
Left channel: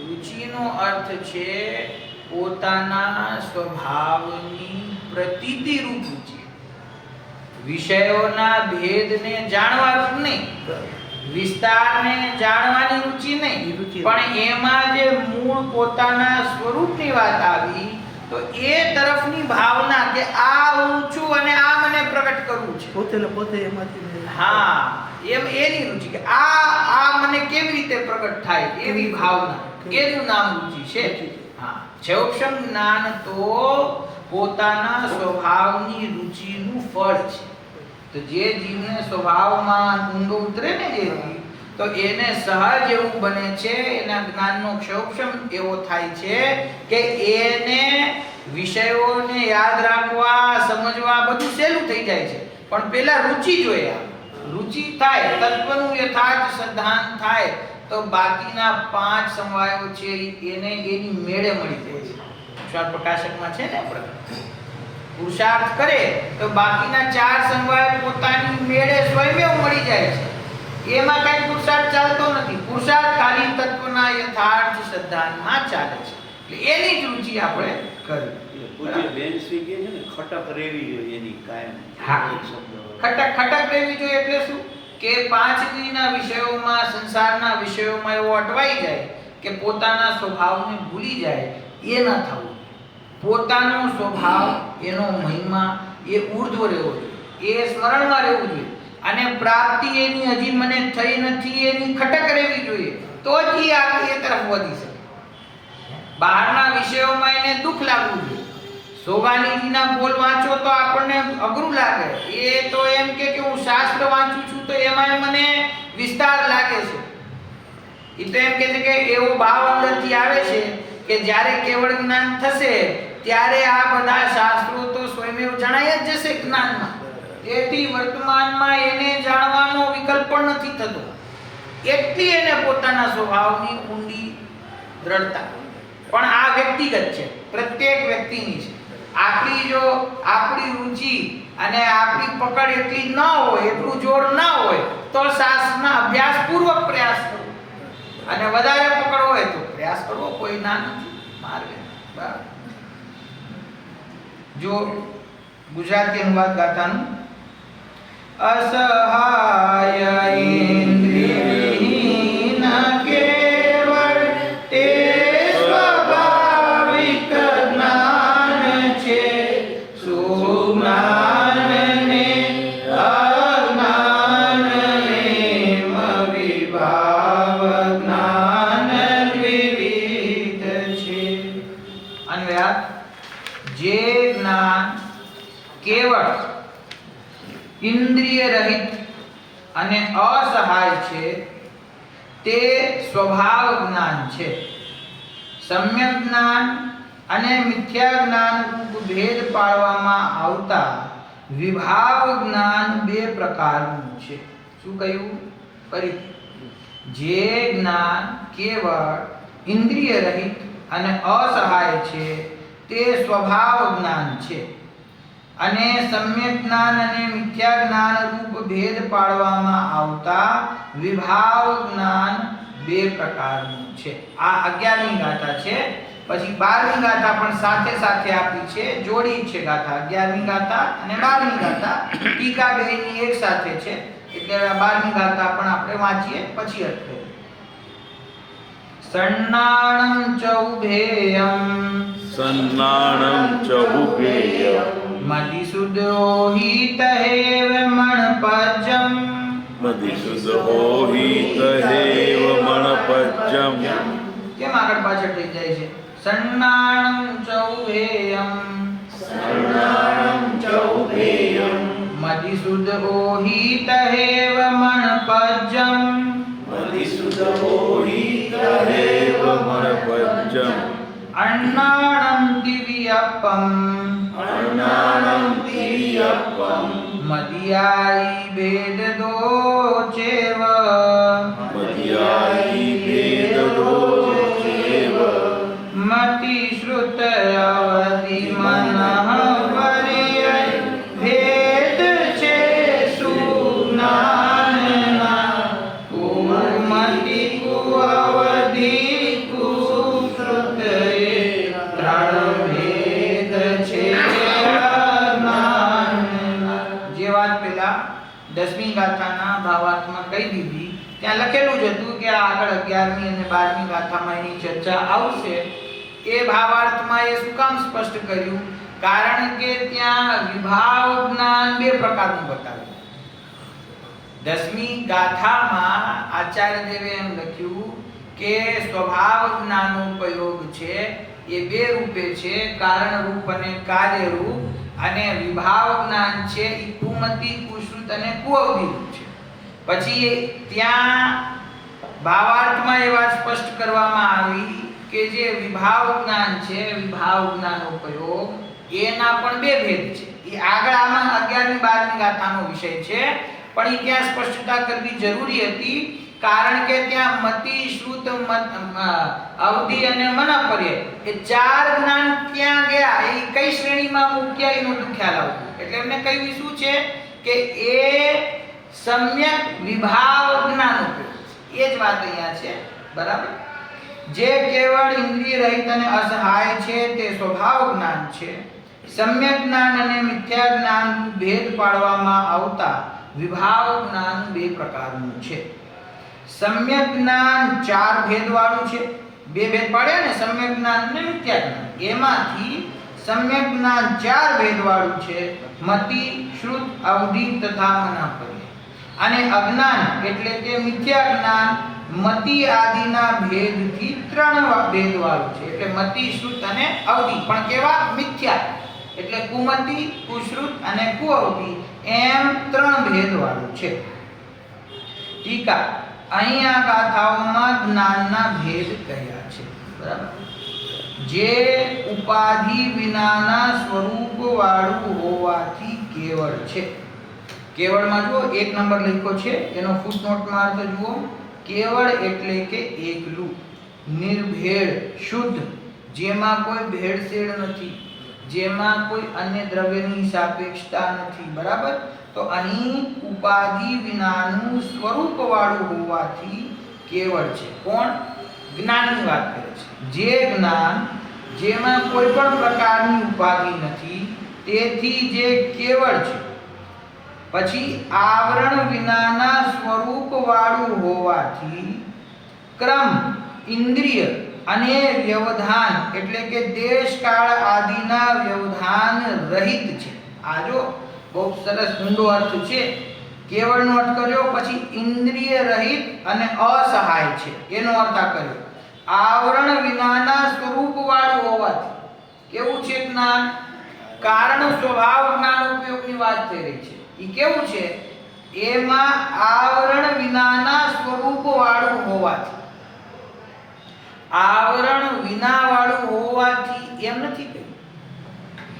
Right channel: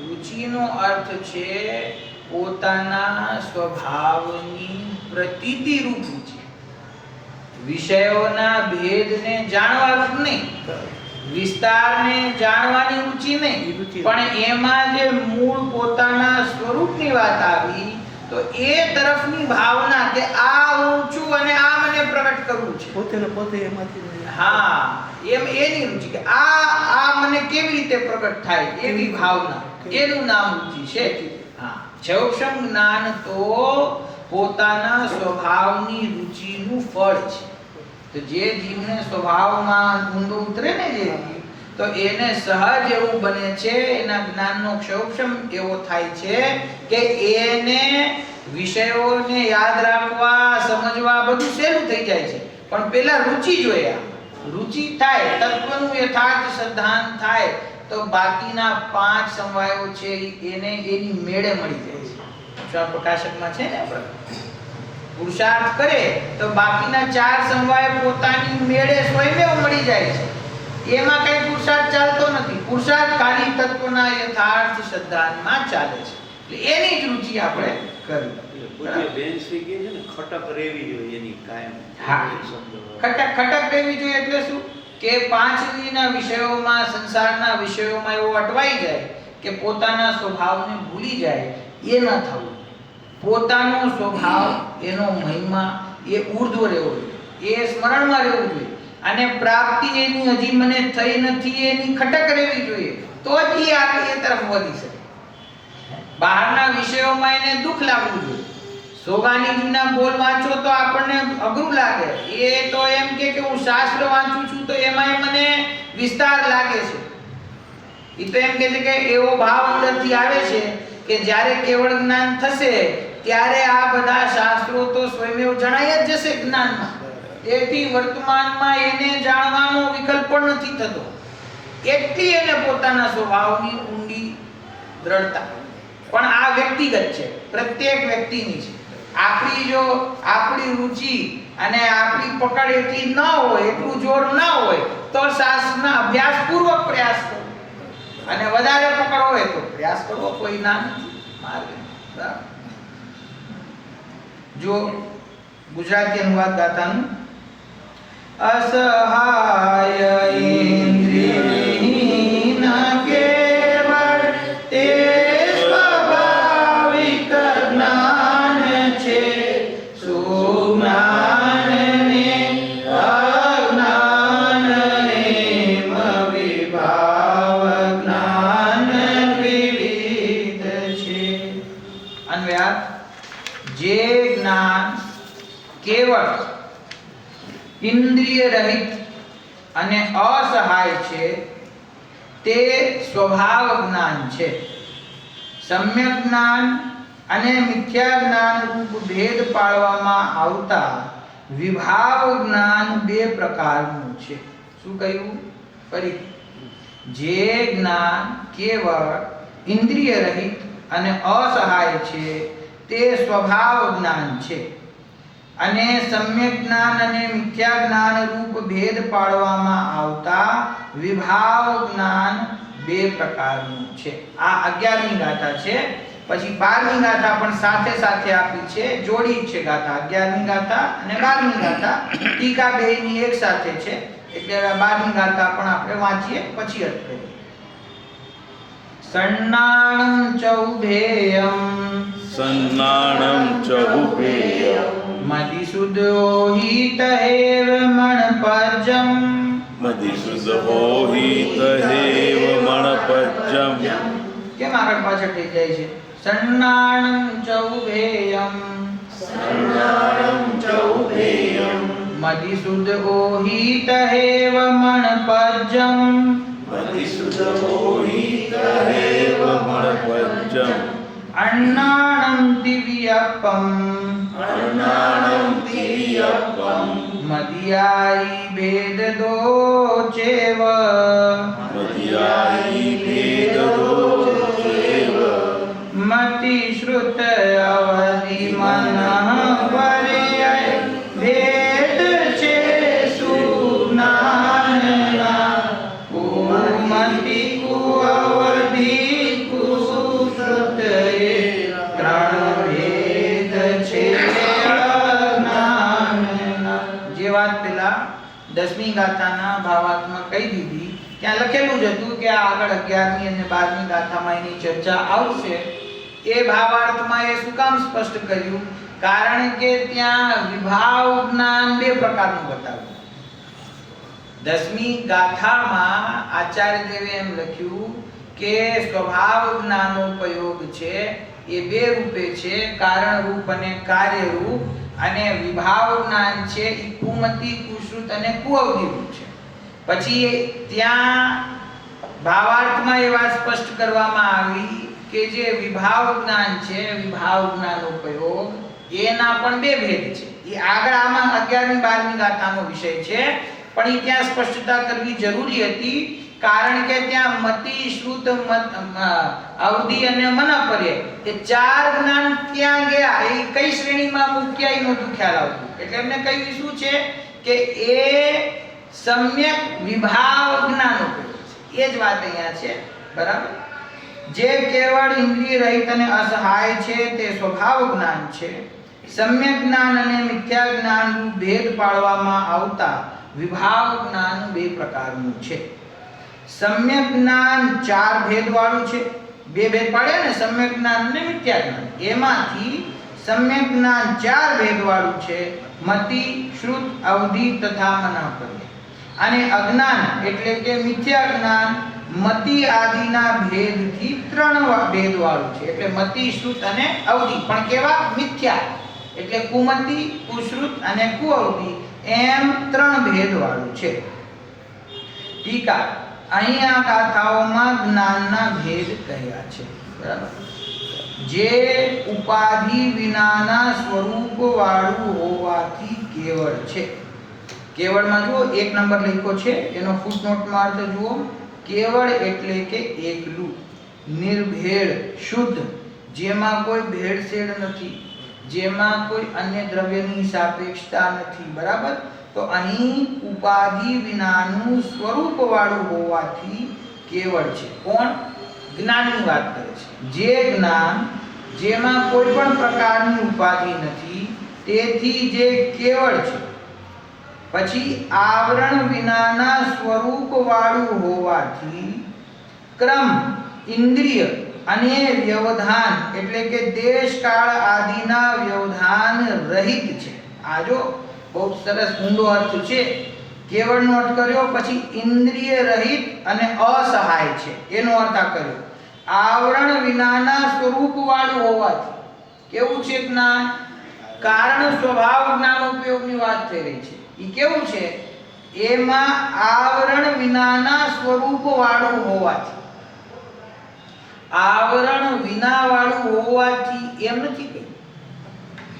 રુચિનો અર્થ છે પોતાના સ્વભાવની પ્રતીતિ રૂપ રુચિ. વિષયોના ભેદને જાણવાનું નહીં, વિસ્તારને જાણવાની રુચિ નહીં, પણ એમાં જે મૂળ પોતાના સ્વરૂપની વાત આવી તો એ તરફની ભાવના કે આ હું છું અને આ મને પ્રગટ કરવું છે. પોતે ને પોતે એમાંથી હા, એની રુચિ કે આ મને કેવી રીતે પ્રગટ થાય એવી ભાવના, એનું નામ રુચિ છે. હા, ક્ષૌક્ષમ જ્ઞાન તો પોતાના સ્વભાવની રુચિનું ફળ છે. તો જે જીવને સ્વભાવમાં ઊંડો ઉતરે ને જે જીવ, તો એને સહજ એવું બને છે, એના જ્ઞાનનો ક્ષૌક્ષમ એવો થાય છે કે એને વિષયોને યાદ રાખવા, સમજવા બધું સહેલું થઈ જાય છે. પણ પહેલા રુચિ જોઈએ. રુચિ થાય, તત્વનું યથાર્થ સિદ્ધાંત થાય તો બાકીના 5 સમવાયો છે એને એની મેળે મળી જાય છે. અક્ષર પ્રકાશકમાં છે ને આપણે પુરુષાર્થ કરે તો બાકીના 4 સમવાય પોતાની મેળે સ્વયં મળી જાય છે. એમાં કઈ પુરુષાર્થ ચાલતો નથી. પુરુષાર્થ ખાલી તત્વના યથાર્થ સિદ્ધાંતમાં ચાલે છે. એની જ રુચિ આપણે કરી. પૂજ્ય બેનશ્રી કહે છે ને ખટક રહેવી જોઈએ એની કાયમ. હા, ખટક રહેવી જોઈએ એટલે શું કે 5 ઇન્દ્રિયના વિષયોમાં, સંસારના વિષયોમાં એવો અટવાઈ જાય કે પોતાના સ્વભાવને ભૂલી જાય. એ ન થવું. પોતાનો સ્વભાવ, એનો મહિમા એ ઉર્ધ્વ રહેવો જોઈએ, એ સ્મરણમાં રહેવું જોઈએ અને પ્રાપ્તિ એની હજી મને થઈ નથી એની ખટક રહેવી જોઈએ. તો જ એ આગળ એ તરફ વધી શકે. બહારના વિષયોમાં એને દુઃખ લાગવું જોઈએ. સોગાનીજીના બોલ વાંચો તો આપણને અઘરું લાગે. એ તો એમ કે હું શાસ્ત્ર વાંચું છું તો એમાં મને વિસ્તાર લાગે છે. એ તો એમ કહે છે કે એવો ભાવ અંદરથી આવે છે કે જ્યારે કેવળ જ્ઞાન થશે ત્યારે આ બધા શાસ્ત્રો તો સ્વયં જણાય જ જશે જ્ઞાનમાં. તેથી વર્તમાનમાં એને જાણવાનો વિકલ્પ પણ નથી થતો. એટલી એને પોતાના સ્વભાવની ઊંડી દ્રઢતા. પણ આ વ્યક્તિગત છે, પ્રત્યેક વ્યક્તિની છે. આપણી રુચિ અને આપણી પકડ એટલી ન હોય, એટલું જોર ન હોય તો શાસ્ત્રના અભ્યાસ પૂર્વક પ્રયાસ કરો અને વધારે પકડ હોય તો પ્રયાસ કરવો, કોઈ ના નથી માર્ગ. બરાબર? જો ગુજરાતી અનુવાદ ગાતાનું અસહાય ઇન્દ્રિયહીન કેવળ તે સ્વાભાવિક જ્ઞાન છે. સુજ્ઞાનને અજ્ઞાનને વિભાવ જ્ઞાન દ્વિવિધ છે. અન્વયાર્થ: જે જ્ઞાન કેવળ ઇન્દ્રિય રહિત અને અસહાય છે તે સ્વભાવ જ્ઞાન છે. સમ્યક જ્ઞાન અને મિથ્યા જ્ઞાન રૂપ ભેદ પાડવામાં આવતા વિભાવ જ્ઞાન 2 પ્રકારનું છે. શું કહ્યું? ફરી જે જ્ઞાન કેવળ ઇન્દ્રિય રહિત અને અસહાય છે તે સ્વભાવ જ્ઞાન છે. અને સમ્યક જ્ઞાન અને મિથ્યા જ્ઞાન રૂપ ભેદ પાડવામાં આવતા વિભાવ જ્ઞાન બે પ્રકારનું છે. આ 11મી ગાથા છે. પછી 12મી ગાથા પણ સાથે સાથે આપી છે, જોડી છે ગાથા. 11મી ગાથા અને 12મી ગાથા ટીકા બેની એક સાથે છે, એટલે 12મી ગાથા પણ આપણે વાંચીએ પછી અર્થ કરીએ. સન્નાણં ચૌભેયં સન્નાણં ચૌભેયં મધિસુદોહિતહેવ મણપજ્જં મધિસુદોહિતહેવ મણપજ્જં. કેમ આગળ પાછળ થઈ જાય છે? સન્નાણં ચૌભેયં મધિસુદોહિતહેવ મણપજ્જં મણપજ્જં. અન્નાણં દિવ્યપં મદિયાઈ ભેદદો ચેવ મતિ શ્રુત અવધિ મનઃ પર્યય ભેદ છે સુજ્ઞાનના. કુમતિ કુઅવધિ કુશ્રુત એ ત્રણ ભેદ છે અજ્ઞાનના. જે વાત પેલા 10મી ગાથાના ભાવાર્થમાં કહી દીધી, ત્યાં લખેલું જ હતું કે આગળ 11મી અને 12મી ગાથામાં એની ચર્ચા આવશે. એ ભાવાર્થમાં એ શું કામ સ્પષ્ટ કર્યું? કારણ કે ત્યાં વિભાવ જ્ઞાન બે પ્રકારનું બતાવ્યું. 10મી ગાથામાં આચાર્ય દેવે એમ લખ્યું કે સ્વભાવ જ્ઞાનોપયોગ છે એ બે રૂપે છે, કારણ રૂપ અને કાર્ય રૂપ. અને વિભાવ જ્ઞાન છે એ કુમતિ, કુશ્રુત અને કુઅવધિ રૂપ છે. પછી ત્યાં ભાવાર્થમાં એ વાત સ્પષ્ટ કરવામાં આવી કે જે વિભાવ જ્ઞાન છે, વિભાવ જ્ઞાન ઉપયોગ, એના પણ બે ભેદ છે. એ આગળ આમાં 11મી 12મી ગાથાનો વિષય છે, પણ એ ત્યાં સ્પષ્ટતા કરવી જરૂરી હતી. કારણ કે ત્યાં મતિ, શ્રુત, અવધિ અને મનપર્યય એ ચાર જ્ઞાન ક્યાં ગયા, એ કઈ શ્રેણીમાં મૂક્યા એ નહોતું ખ્યાલ આવતું. એટલે એમને કહ્યું શું છે કે એ સમ્યક વિભાવ જ્ઞાન ઉપયોગ છે. એ જ વાત અહીંયા છે. બરાબર? જે કેવળ ઇન્દ્રિય રહિત અને અસહાય છે તે સ્વભાવ જ્ઞાન છે. સમ્યક જ્ઞાન અને મિથ્યા જ્ઞાન ભેદ પાડવામાં આવતા વિભાવ જ્ઞાન બે પ્રકારનું છે. સમ્યક જ્ઞાન ચાર ભેદ વાળું છે. બે ભેદ પાડ્યા ને, સમ્યક જ્ઞાન અને મિથ્યા જ્ઞાન. એમાંથી સમ્યક જ્ઞાન ચાર ભેદ વાળું છે: મતિ, શ્રુત, અવધિ તથા મનપર્યય. અને અજ્ઞાન એટલે કે મિથ્યા જ્ઞાન મતિ આદિના ભેદથી ત્રણ ભેદ વાળું છે. એટલે મતિ, શ્રુત અને અવધિ, પણ કેવા? મિથ્યા. એટલે કુમતિ, કુશ્રુત અને કુઅવધિ એમ ત્રણ ભેદ વાળું છે. ટીકા: અહીંયા ગાથાઓમાં જ્ઞાનના ભેદ કહ્યા છે. બરાબર? જે ઉપાધિ વિનાના સ્વરૂપ વાળું હોવાથી કેવળ છે. કેવળમાં જુઓ 1 નંબર લખ્યો છે, એનો ફૂટનોટમાં અર્થ જુઓ. કેવળ એટલે કે એકલું, નિર્ભેળ, શુદ્ધ, જેમાં કોઈ ભેળસેળ નથી, જેમાં કોઈ અન્ય દ્રવ્યની સાપેક્ષતા નથી. બરાબર? તો અહીં ઉપાધિ વિનાનું સ્વરૂપ વાળું હોવાથી કેવળ છે. કોણ? જ્ઞાનની વાત કરે છે. જે જ્ઞાન જેમાં કોઈ પણ પ્રકારની ઉપાધિ નથી, તેથી જે કેવળ છે. પછી આવરણ વિનાના સ્વરૂપ વાળું હોવાથી ક્રમ, ઇન્દ્રિય અને વ્યવધાન એટલે કે દેશ કાળ આદિના વ્યવધાન રહિત છે. આ જો બહુ સરસ ઊંડો અર્થ છે. કેવળનો અર્થ કર્યો, પછી ઇન્દ્રિય રહિત અને અસહાય છે, એનો અર્થ આ કર્યો. આવરણ વિનાના સ્વરૂપ વાળું હોવાથી કેવું છે જ્ઞાન? કારણ સ્વભાવ જ્ઞાન ઉપયોગની વાત થઈ રહી છે. એ કેવું છે? એમાં આવરણ વિનાના સ્વરૂપ વાળું હોવાથી. આવરણ વિના વાળું હોવાથી એમ નથી કહ્યું.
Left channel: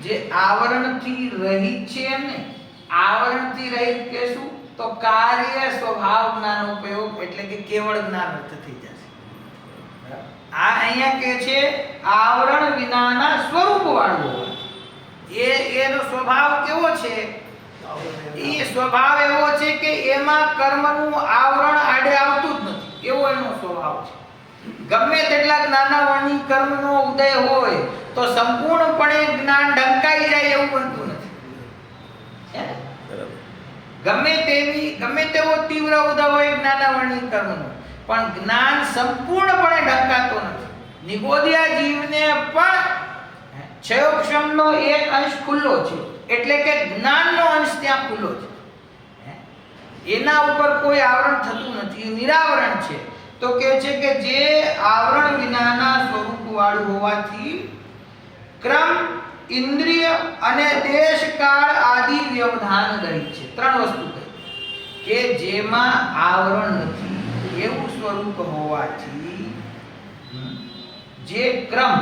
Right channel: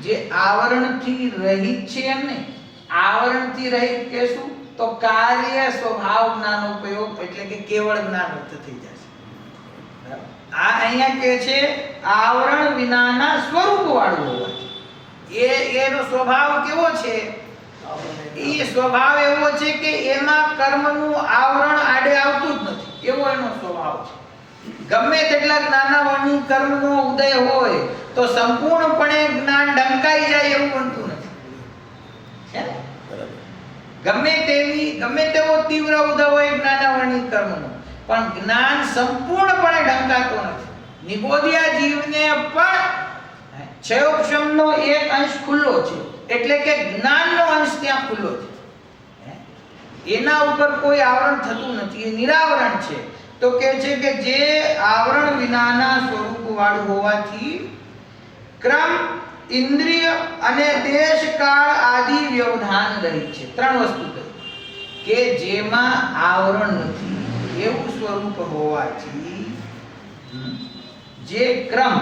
જે આવરણથી રહિત છે એમ નહીં. આવરણથી રહિત કે શું? તો કાર્ય સ્વભાવ જ્ઞાનોપયોગ એટલે કે કેવળ જ્ઞાન અર્થ થઈ જશે. આ અહીંયા કે છે આવરણ વિનાના સ્વરૂપ વાળું હોવાથી. એનો સ્વભાવ કેવો છે? એ સ્વભાવ એવો છે કે એમાં કર્મનું આવરણ આડે આવતું જ નથી, એવો એનો સ્વભાવ છે. ગમે તેટલા જ્ઞાનાવરણી કર્મનો ઉદય હોય તો સંપૂર્ણપણે જ્ઞાન ઢંકાઈ જાય એવું બનતું નથી. ગમે તેવો તીવ્ર ઉદય હોય જ્ઞાનાવરણી કર્મનો, પણ જ્ઞાન સંપૂર્ણપણે ઢંકાતો નથી. નિબોધિયા જીવને પણ ક્ષયોક્ષમનો એક અંશ ખુલ્લો છે, એટલે કે જ્ઞાનનો અંશ ત્યાં ખુલ્લો છે. એના ઉપર કોઈ આવરણ થતું નથી, એ નિરાવરણ છે. તો કહે છે કે જે આવરણ વિનાના સ્વરૂપ વાળું હોવાથી ક્રમ, ઇન્દ્રિય અને દેશ કાળ આદિ વ્યવધાન રહિત છે. ત્રણ વસ્તુ કહી કે જેમાં આવરણ નથી એવું સ્વરૂપ હોવાથી જે ક્રમ,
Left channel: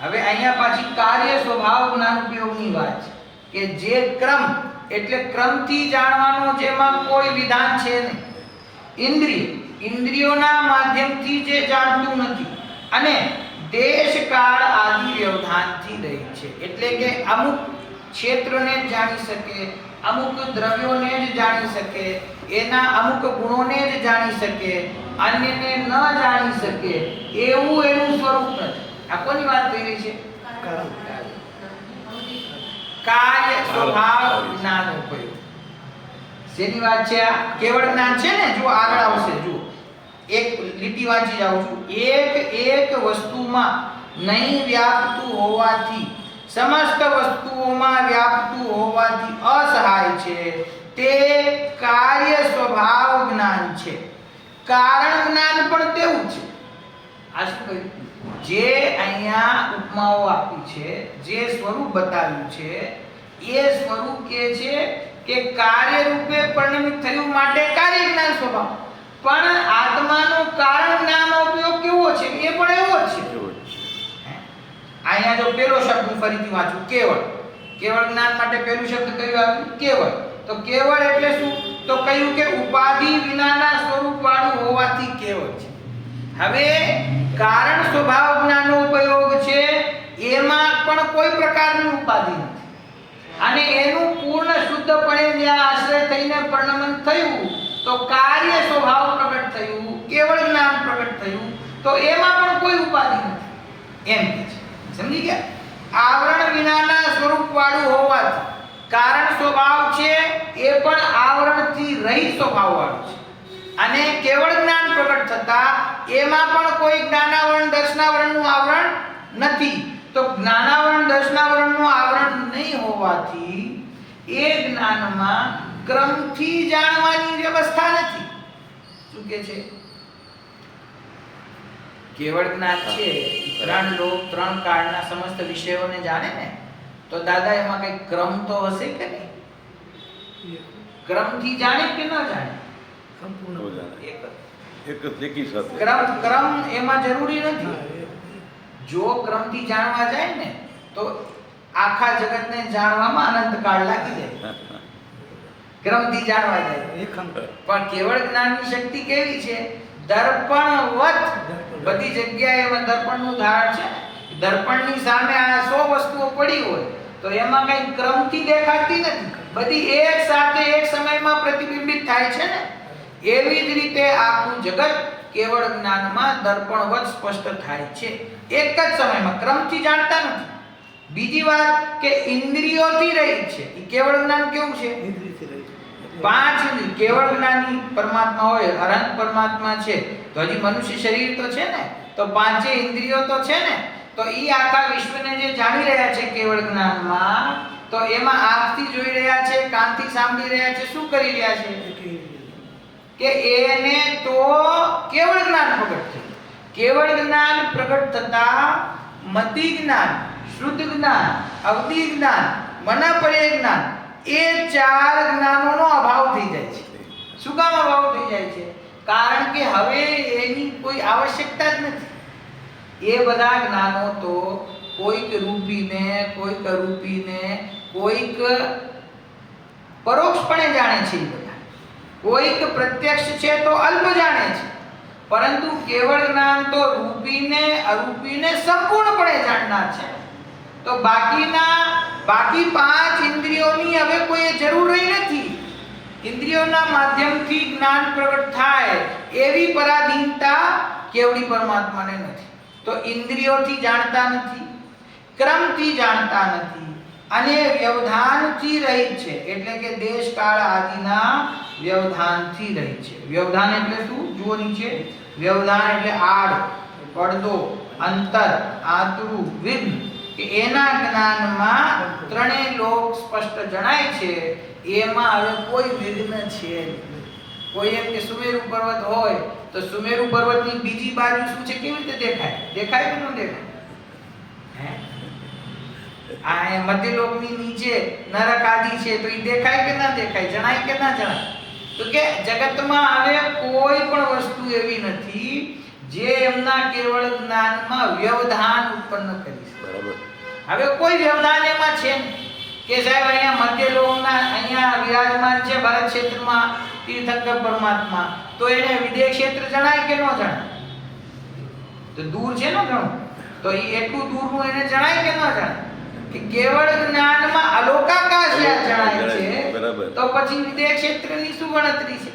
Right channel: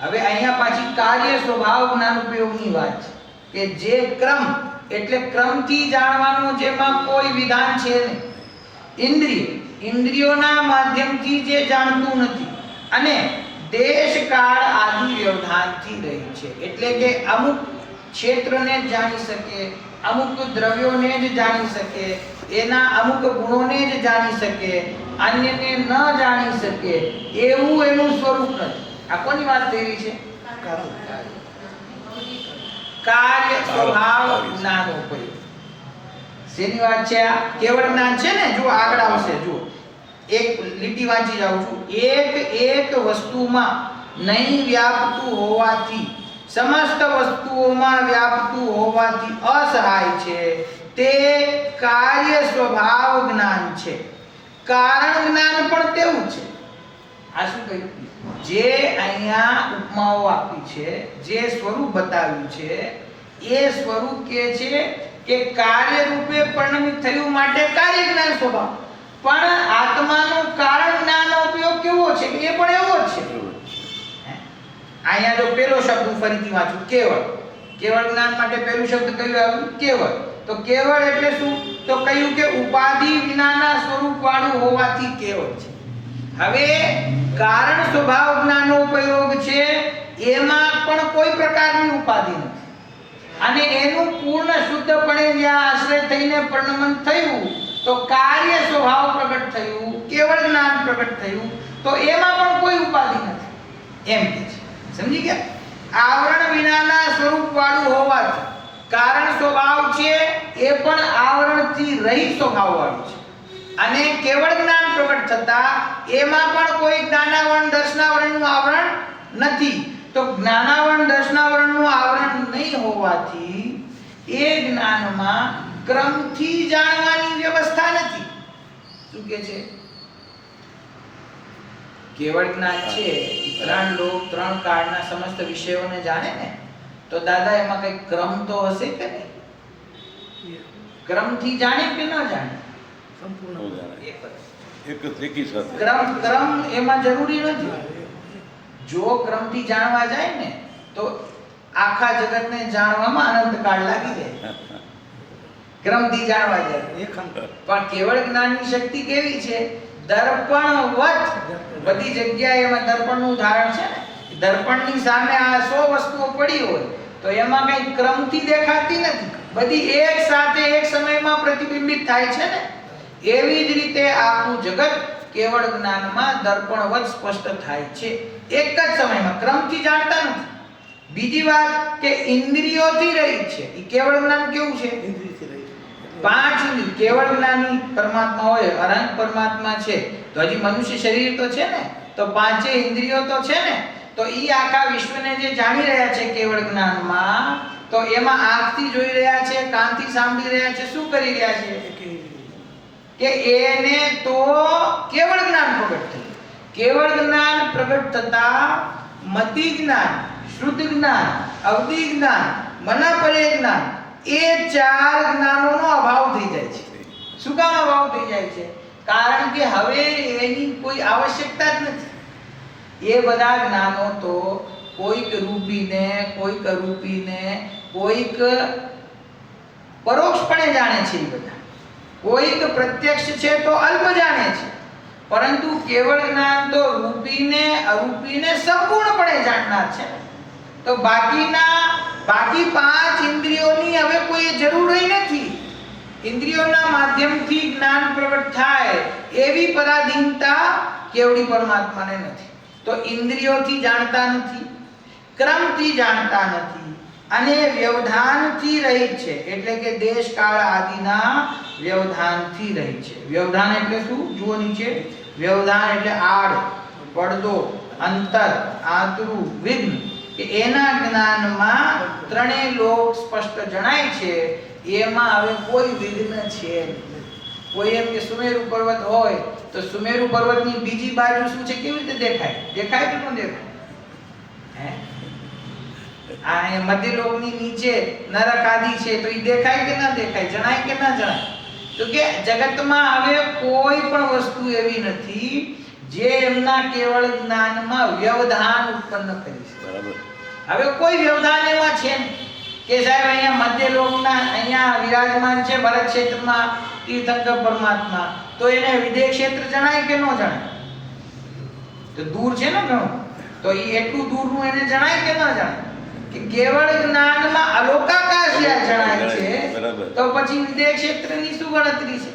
હવે અહીંયા પાછી કાર્ય સ્વભાવ જ્ઞાન ઉપયોગની વાત છે કે જે ક્રમ એટલે ક્રમથી જાણવાનો જેમાં કોઈ વિધાન છે નહીં, ઇન્દ્રિયોના માધ્યમથી જે જાણતું નથી, અને દેશ કાળ આદિ વ્યવધાનથી રહી છે. એટલે કે અમુક ક્ષેત્રને જ જાણી શકે, અમુક દ્રવ્યોને જ જાણી શકે, એના અમુક ગુણોને જ જાણી શકે, અન્યને ન જાણી શકે એવું એનું સ્વરૂપ નથી. આ કોની વાત થઈ રહી છે? કાર્ય સ્વભાવ જ્ઞાન ઉપયોગ. શેની વાત છે? આ કેવળ જ્ઞાન છે ને. જો આગળ આવશે, જો એક લીટી વાંચી જાઉં છું. એક વસ્તુમાં નહીં વ્યાપતું હોવાથી સમસ્ત વસ્તુઓમાં વ્યાપતું હોવાથી અસહાય છે, તે કાર્ય સ્વભાવ જ્ઞાન છે. કારણ જ્ઞાન પણ તેવું છે. આ શું કહ્યું? જે અહીંયા ઉપમાઓ આપી છે, જે સ્વરૂપ બતાવ્યું છે, એ સ્વરૂપ કે છે કે કાર્ય રૂપે પરિણમિત થયું માટે કાર્ય જ્ઞાન સ્વભાવ, પણ આત્માનો કારણ જ્ઞાનનો ઉપયોગ કેવો છે? એ પણ એવો જ છે. અહીંયા જો પહેલો શબ્દ હું ફરીથી વાંચું, કેવળ. કેવળ જ્ઞાન માટે પહેલું શબ્દ કયું આવ્યું? કેવળ. તો કેવળ એટલે શું? તો કહ્યું કે ઉપાધિ વિનાના સ્વરૂપ વાળું હોવાથી કેવળ છે. હવે કારણ સ્વભાવ જ્ઞાનનો ઉપયોગ છે, એમાં પણ કોઈ પ્રકારની ઉપાધિ નથી, અને એનું પૂર્ણ શુદ્ધપણે જ્યાં આશ્રય થઈને પરિણમન થયું તો કાર્ય સ્વભાવ પ્રગટ થયું, કેવળ જ્ઞાન પ્રગટ થયું, તો એમાં પણ કોઈ ઉપાધિ નથી એમ કે છે. સમજી ગયા? આવરણ વિનાના સ્વરૂપ વાળું હોવાથી કારણ સ્વભાવ છે, એ પણ આવરણથી રહિત સ્વભાવ વાળું છે, અને કેવળ જ્ઞાન પ્રગટ થતા એમાં પણ કોઈ જ્ઞાનાવરણ દર્શનાવરણનું આવરણ નથી. તો જ્ઞાનાવરણ દર્શનાવરણનું આવરણ નહીં હોવાથી એ જ્ઞાનમાં ક્રમથી જાણવાની વ્યવસ્થા નથી. શું કે છે? કેવળ જ્ઞાન છે, ત્રણ લોક ત્રણ કાળના સમસ્ત વિષયોને જાણે ને, તો દાદા એમાં કઈ ક્રમ તો હશે કે નહીં? ક્રમથી જાણે કે ન જાણે? ક્રમ એમાં જરૂરી નથી. જો ક્રમથી જાણવા જાય ને તો આખા જગતને જાણવામાં અનંતકાળ લાગી જાય. ક્રમથી જાણવા જાય. પણ કેવળ જ્ઞાનની શક્તિ કેવી છે? દર્પણવત. બધી જગ્યાએ એમાં દર્પણનું ઉદાહરણ છે ને. દર્પણની સામે આ 100 વસ્તુઓ પડી હોય તો એમાં કઈ ક્રમથી દેખાતી નથી, બધી એક સાથે એક સમયમાં પ્રતિબિંબિત થાય છે ને. એવી જ રીતે આખું જગત કેવળ જ્ઞાનમાં દર્પણવત સ્પષ્ટ થાય છે, એક જ સમયમાં. ક્રમથી જાણતા નથી. બીજી વાત કે ઇન્દ્રિયોથી રહિત છે. એ કેવળ જ્ઞાન કેવું છે? ઇન્દ્રિયથી રહિત. 5 ઇન્દ્રિય. કેવળ જ્ઞાની પરમાત્મા હોય, અનંત પરમાત્મા છે, તો હજી મનુષ્ય શરીર તો છે ને, તો 5 ઇન્દ્રિયો તો છે ને. તો ઈ આખા વિશ્વને જે જાણી રહ્યા છે કેવળ જ્ઞાનમાં, તો એમાં આંખથી જોઈ રહ્યા છે, કાનથી સાંભળી રહ્યા છે, શું કરી રહ્યા છે? કે એને તો કેવળ જ્ઞાન પ્રગટ થયું. કેવળ જ્ઞાન પ્રગટ થતા મતિ જ્ઞાન, શુદ્ધ જ્ઞાન, અવધિ જ્ઞાન, મનપરે જ્ઞાન, એ 4 જ્ઞાનોનો અભાવ થઈ જાય છે. શું કામ અભાવ થઈ જાય છે? કારણ કે હવે એની કોઈ આવશ્યકતા જ નથી. એ બધા જ્ઞાનો તો કોઈક રૂપીને, કોઈક અરૂપીને, કોઈક પરોક્ષપણે જાણે છે. એ બધા કોઈક પ્રત્યક્ષ છે તો અલ્પ જાણે છે, પરંતુ કેવળ જ્ઞાન તો રૂપીને અરૂપીને સંપૂર્ણપણે જાણનાર છે. તો બાકી 5 ઇન્દ્રિયોની હવે કોઈ જરૂર રહી નથી. ઇન્દ્રિયોના માધ્યમથી જ્ઞાન પ્રગટ થાય એવી પરાધીનતા કેવડી પરમાત્માને નથી. તો ઇન્દ્રિયોથી જાણતા નથી, ક્રમથી જાણતા નથી અને વ્યવધાનથી રહિત છે. એટલે કે દેશ કાળ આદિના વ્યવધાનથી રહિત છે. વ્યવધાન એટલે શું? જુઓ નીચે. વ્યવધાન એટલે આડ, પડદો, અંતર, આંતરું, વિઘ્ન. કે એના જ્ઞાનમાં ત્રણેય લોક સ્પષ્ટ જણાય છે. એમાં હવે કોઈ વિઘ્ન છે નહીં. કોઈ એમ કે સુમેરુ પર્વત હોય તો સુમેરુ પર્વતની બીજી બાજુ શું છે કેવી રીતે દેખાય? દેખાય કે ન દેખાય? હે? આ મધ્યલોકની નીચે નરક આદિ છે તો એ દેખાય કે ના દેખાય? જણાય કે ના જણાય? તો કે જગતમાં હવે કોઈ પણ વસ્તુ એવી નથી જે એમના કેવળ જ્ઞાનમાં વ્યવધાન ઉત્પન્ન કરી શકે. બરાબર. હવે કોઈ વ્યવધાન એમાં છે નહીં કે સાહેબ અહીંયા મધ્યલોકના અહીંયા વિરાજમાન છે ભરત ક્ષેત્રમાં તીર્થંકર પરમાત્મા, તો એને વિદેહ ક્ષેત્ર જણાય કે ન જણાય? તો દૂર છે ને ઘણું, તો એ એટલું દૂરનું એને જણાય કે ન જણાય? કે કેવળ જ્ઞાનમાં અલોકાકાશ યા જણાય છે, બરાબર. તો પછી વિદેહ ક્ષેત્રની શું ગણતરી છે?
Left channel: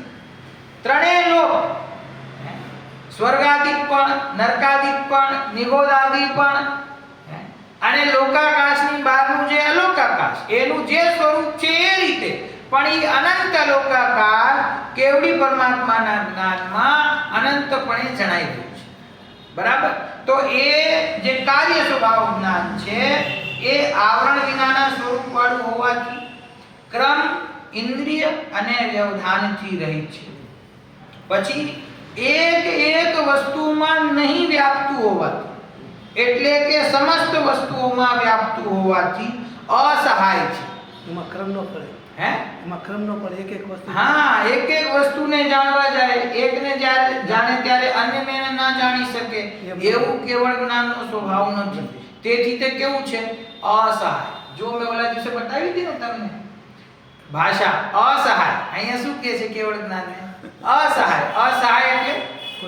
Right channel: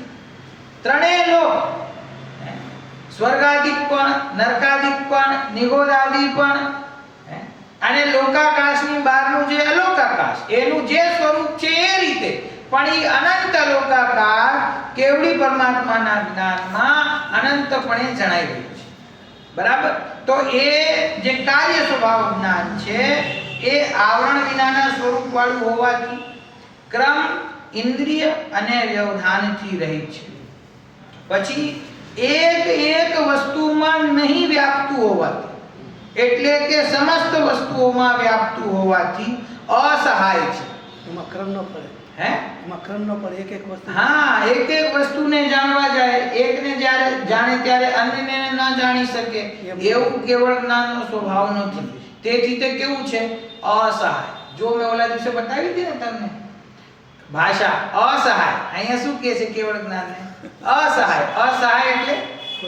ત્રણેય લોક, સ્વર્ગાદિક પણ, નરકાદિક પણ, નિગોદાદિ પણ, અને લોકાકાશની બહારનું જે અલોકાકાશ એનું જે સ્વરૂપ છે એ રીતે, પણ એ અનંત અલોકાકાશ કેવડી પરમાત્માના જ્ઞાનમાં અનંતપણે જણાઈ રહ્યું છે. બરાબર. તો એ જે કાર્ય સ્વભાવ જ્ઞાન છે એ આવરણ વિનાના સ્વરૂપ વાળું હોવાથી ક્રમ, ઇન્દ્રિય અને વ્યવધાનથી રહિત છે. પછી એક વસ્તુમાં નહીં વ્યાપતું હોવાથી, એટલે કે સમસ્ત વસ્તુઓમાં વ્યાપતું હોવાથી અસહાય છે. એમાં ક્રમ ન પડે. હે? એમાં ક્રમ ન પડે. એક વસ્તુ. હા, એક વસ્તુને જાણવા જાય, એકને જ્યારે જાણે ત્યારે અન્યને ના જાણી શકે એવું કેવળ જ્ઞાનનો સ્વભાવ નથી. તેથી તે કેવું છે? અસહાય. જો મેં ઓલા દિવસે બતાવી હતી ને તમને ભાષા અસહાય, અહીંયા શું કહે છે કેવળ જ્ઞાનને? અસહાય. અસહાય એટલે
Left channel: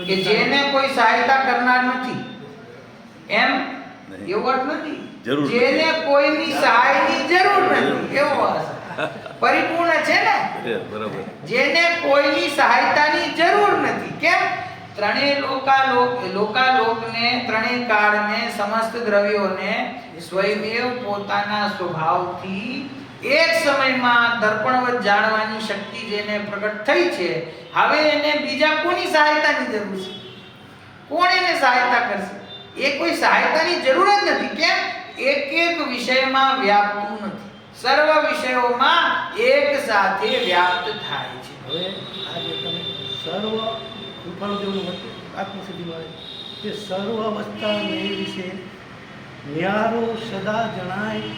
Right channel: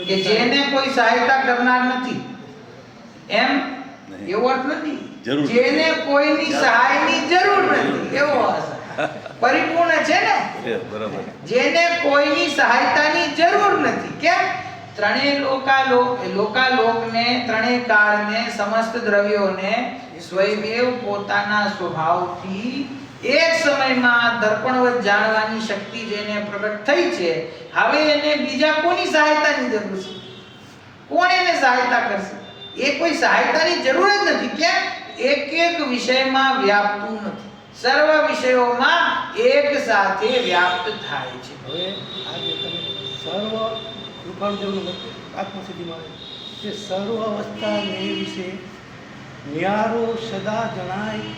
કે જેને કોઈ સહાયતા કરનાર નથી, એમ એવો અર્થ નથી. જેને કોઈની સહાયની જરૂર નથી એવો અસહાય. પરિપૂર્ણ છે ને? બરાબર. જેને કોઈની સહાયતાની જરૂર નથી. કેમ? ત્રણેય લોકાલોકને, ત્રણેય કાળને, સમસ્ત દ્રવ્યોને સ્વયં પોતાના સ્વભાવથી એક સમયમાં દર્પણવત જાણવાની શક્તિ જેને પ્રગટ થઈ છે, હવે એને બીજા કોની સહાયતાની જરૂર છે? કોણ એને સહાયતા કરશે? એ કોઈ સહાયતાની જરૂર જ નથી. કેમ? એક વિષયમાં વ્યાપતું નથી, સર્વ વિષયોમાં એક સાથે વ્યાપ્ત થાય છે. હવે આજે તમે સર્વ કૃપાળુદેવનું આત્મસિદ્ધિમાં આવે કે સર્વ અવસ્થા ને વિશે ન્યારો સદા જણાય,